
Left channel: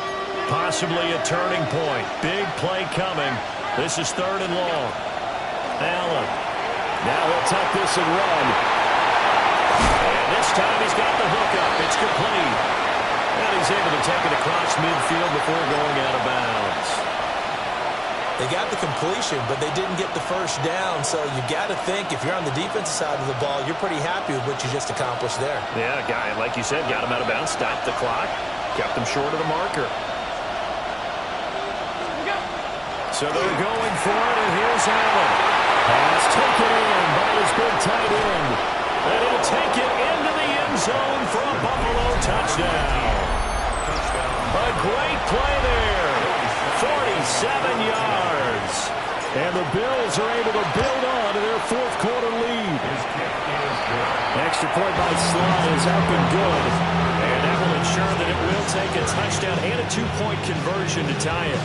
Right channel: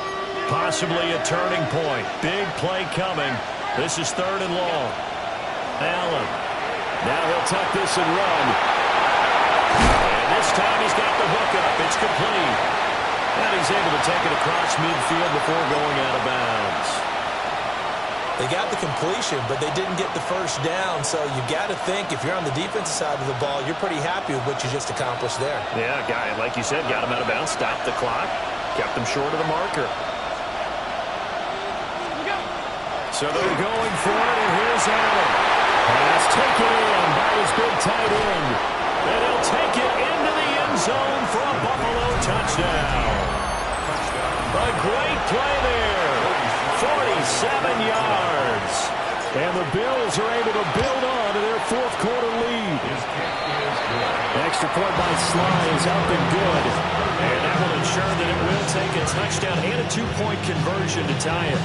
Possibly a turning point. Big play coming. This is 3rd and long. Allen. Now he'll tuck this and run. And this time he's got the hook up. It's complete. And he's able to take it across midfield before going out of bounds. They got the completion, but they didn't get the first down. So you got to think if you're on the defensive side of the ball, you're pretty happy with what you just accomplished there. Yeah, guy, like you said, got him out of bounds, stopped the clock, kept him short of the marker. So they're going for it, and here's Allen. Pass taken in by his big tight end. And he'll take it into the end zone for a Buffalo touchdown. A great play there. 47 yards. And the Bills are able to build on to their fourth quarter lead. His kick is good. Extra point by Sly is up and good. And that will ensure that it will take a touchdown and a two-point conversion to tie it.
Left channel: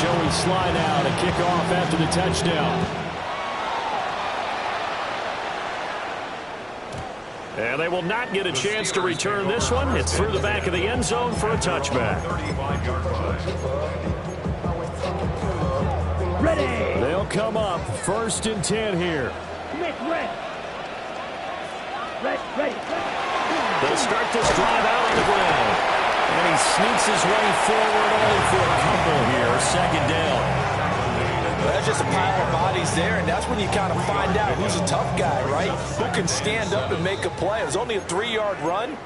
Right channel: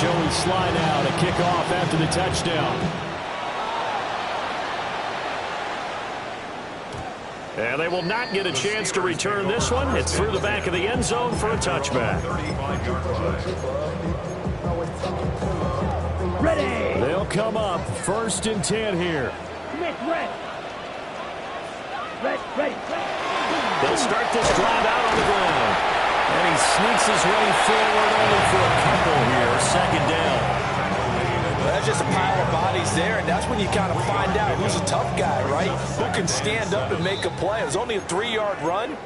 Joey Sly now to kick off after the touchdown. And they will not get a chance to return this one. It's through the back of the end zone for a touchback. 35-yard line. Ready. They'll come up 1st and 10 here. Smith, ready. Ready. They'll start this drive out on the ground. And he sneaks his way forward only for a couple here. 2nd down. Well, that's just a pile of bodies there, and that's when you kind of find out who's a tough guy, right? Who can stand up and make a play. It was only a 3-yard run,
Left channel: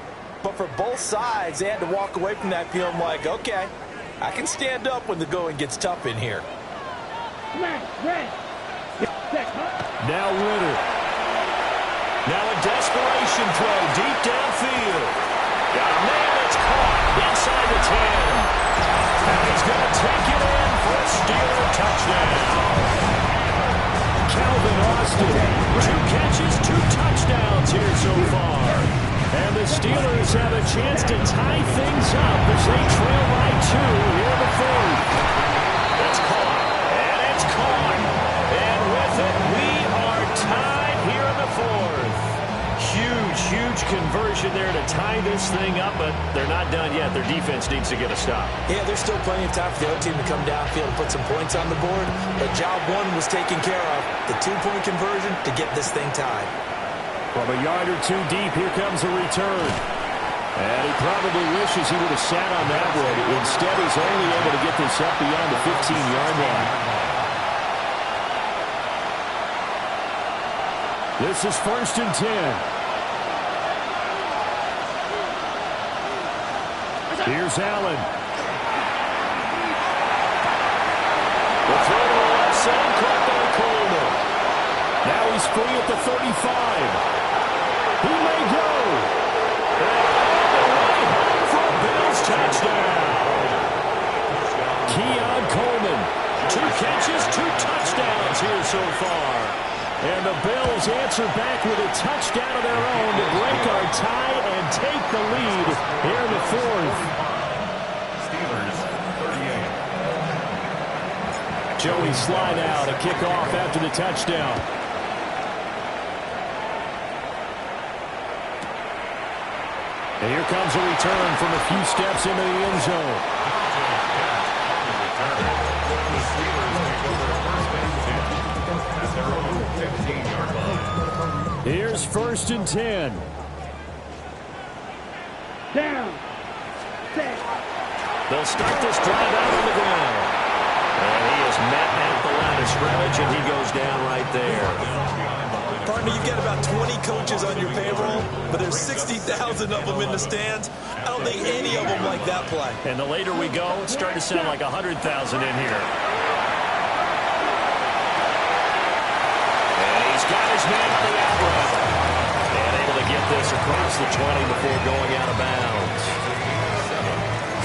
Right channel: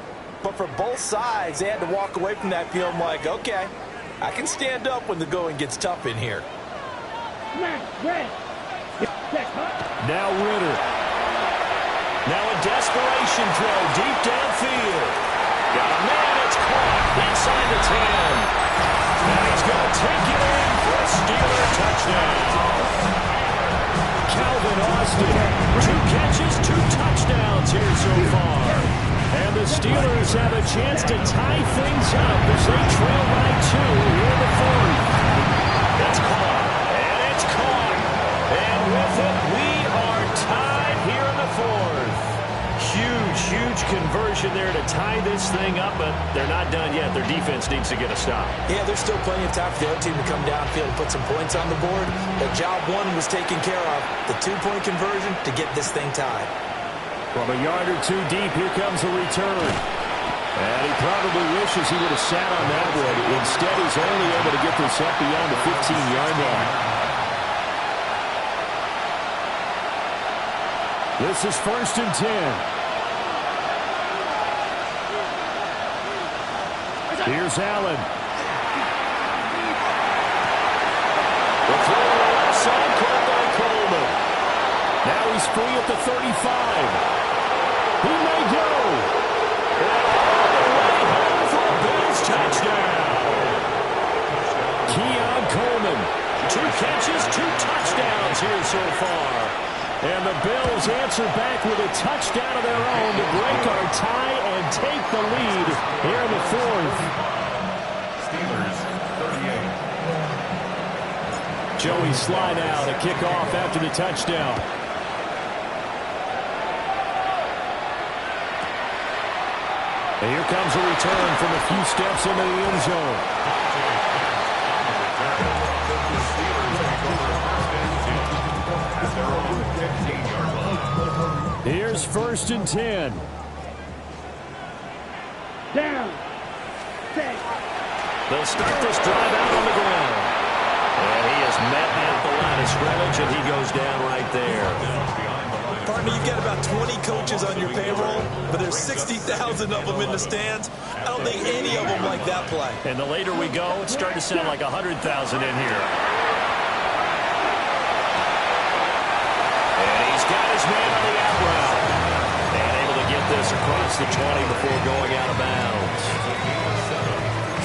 but for both sides, they had to walk away from that feeling like, okay, I can stand up when the going gets tough in here. Now Ritter. Now a desperation throw deep downfield. Got a man, it's caught inside the 10. And he's going to take it in for a Steeler touchdown. Calvin Austin, 2 catches, 2 touchdowns here so far. And the Steelers have a chance to tie things up as they trail by 2 here in the 4th. That's caught, and it's caught. And with it, we are tied here in the 4th. Huge conversion there to tie this thing up, but they're not done yet. Their defense needs to get a stop. Yeah, there's still plenty of time for the other team to come downfield and put some points on the board, but job 1 was taken care of. The 2-point conversion to get this thing tied. From a yard or 2 deep, here comes a return. And he probably wishes he would have sat on that one. Instead, he's only able to get this up beyond the 15-yard line. This is 1st and 10. Here's Allen. The throw to the left side, caught by Coleman. Now he's free at the 35. He may go. And all the way home for a Bills touchdown. Keon Coleman. 2 catches, 2 touchdowns here so far. And the Bills answer back with a touchdown of their own to break our tie and take the lead here in the 4th. Steelers, 38. Joey Sly now to kick off after the touchdown. And here comes a return from a few steps into the end zone. The Steelers take over 1st and 10 at their own 15-yard line. Here's 1st and 10. Down. Set. They'll start this drive out on the ground. And he is met at the line of scrimmage, and he goes down right there. Partner, you've got about 20 coaches on your payroll, but there's 60,000 of them in the stands. I don't think any of them like that play. And the later we go, it's starting to sound like 100,000 in here. And he's got his man on the out route. And able to get this across the 20 before going out of bounds.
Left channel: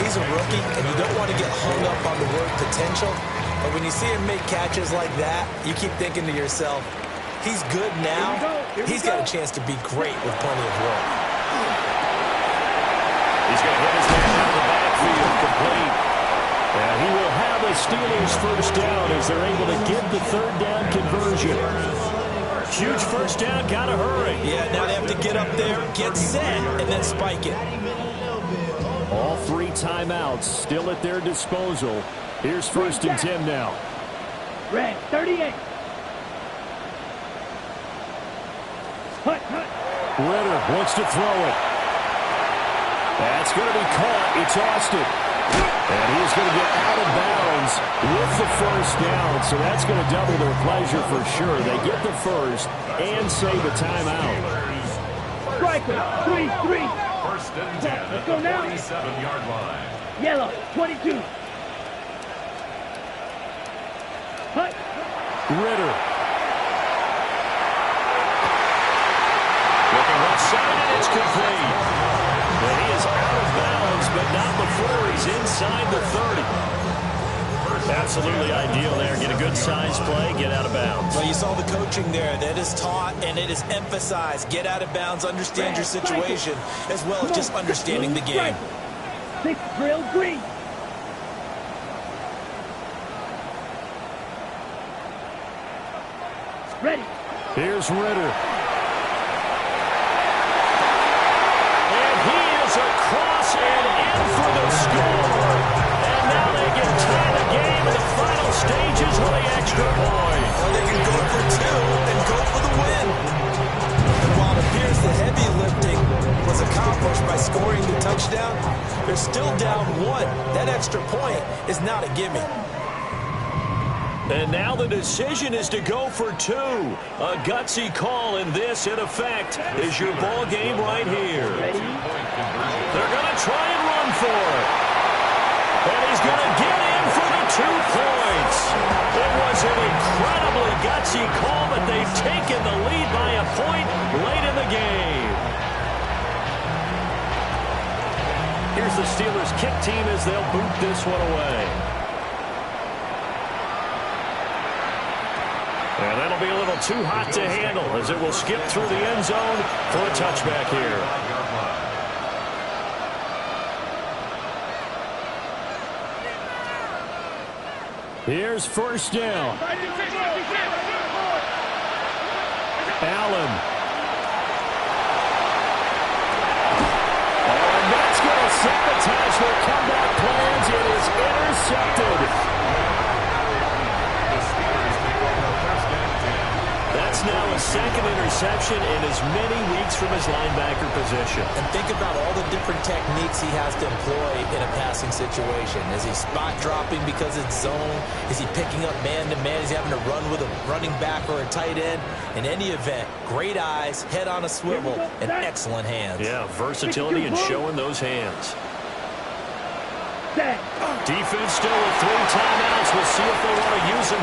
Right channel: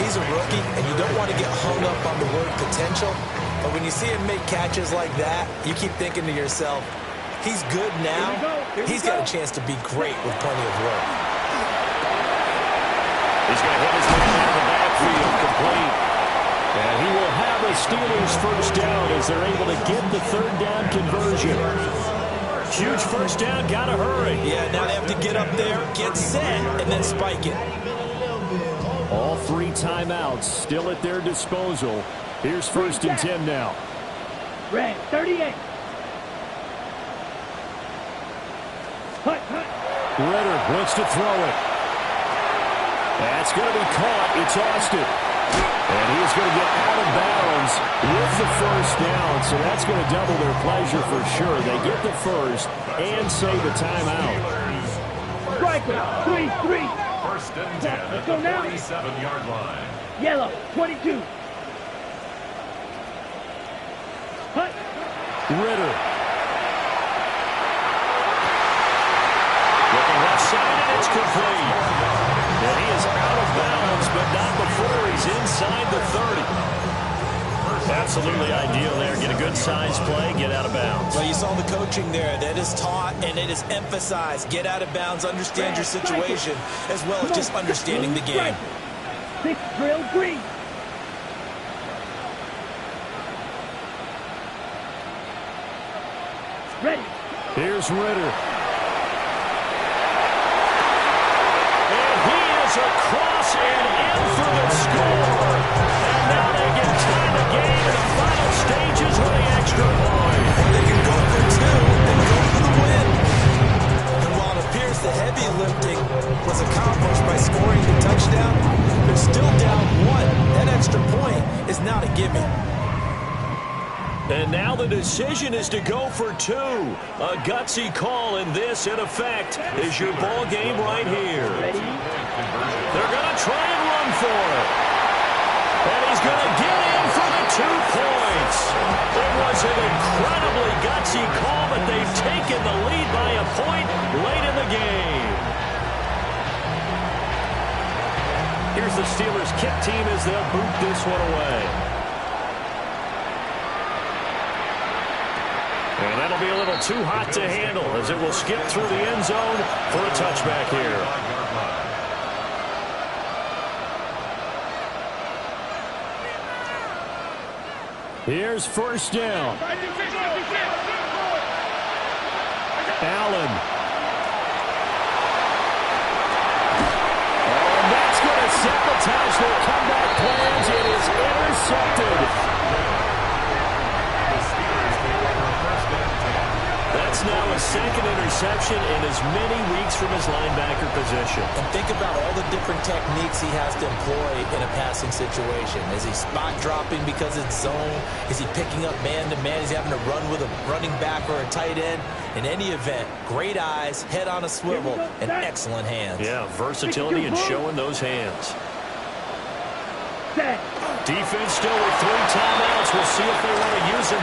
He's a rookie, and you don't want to get hung up on the word potential. But when you see him make catches like that, you keep thinking to yourself, he's good now. He's got a chance to be great with plenty of work. He's going to hit his man out of the backfield, complete. And he will have a Steelers 1st down as they're able to get the 3rd down conversion. Huge 1st down, got to hurry. Yeah, now they have to get up there, get set, and then spike it. All 3 timeouts still at their disposal. Here's 1st and 10 now. Red, 38. Hut. Ritter looks to throw it. That's going to be caught. It's Austin. And he is going to get out of bounds with the first down. So that's going to double their pleasure for sure. They get the first and save a timeout. Striker, 3-3. First and 10 at the 47-yard line. Yellow, 22. Hut. Ritter. Looking left side, and it's complete. And he is out of bounds, but not before he's inside the 30. Absolutely ideal there. Get a good size play, get out of bounds. Well, you saw the coaching there. That is taught and it is emphasized. Get out of bounds, understand your situation, as well as just understanding the game. 6 drill green. Ready. Here's Ritter. And he is across and in for the score. And now they can tie the game in the final stages with the extra point. Or they can go for 2 and go for the win. And while it appears the heavy lifting was accomplished by scoring the touchdown, they're still down 1. That extra point is not a gimme. And now the decision is to go for 2. A gutsy call, and this, in effect, is your ball game right here. They're going to try and run for it. And he's going to get in for the 2 points. It was an incredibly gutsy call, but they've taken the lead by a point late in the game. Here's the Steelers' kick team as they'll boot this one away. And that'll be a little too hot to handle as it will skip through the end zone for a touchback here. Here's first down. Allen. Oh, and that's going to sabotage their comeback plans. It is intercepted. That's now a second interception in as many weeks from his linebacker position. And think about all the different techniques he has to employ in a passing situation. Is he spot dropping because it's zone? Is he picking up man-to-man? Is he having to run with a running back or a tight end? In any event, great eyes, head on a swivel, and excellent hands. Yeah, versatility and showing those hands. Set. Defense still with 3 timeouts. We'll see if they want to use them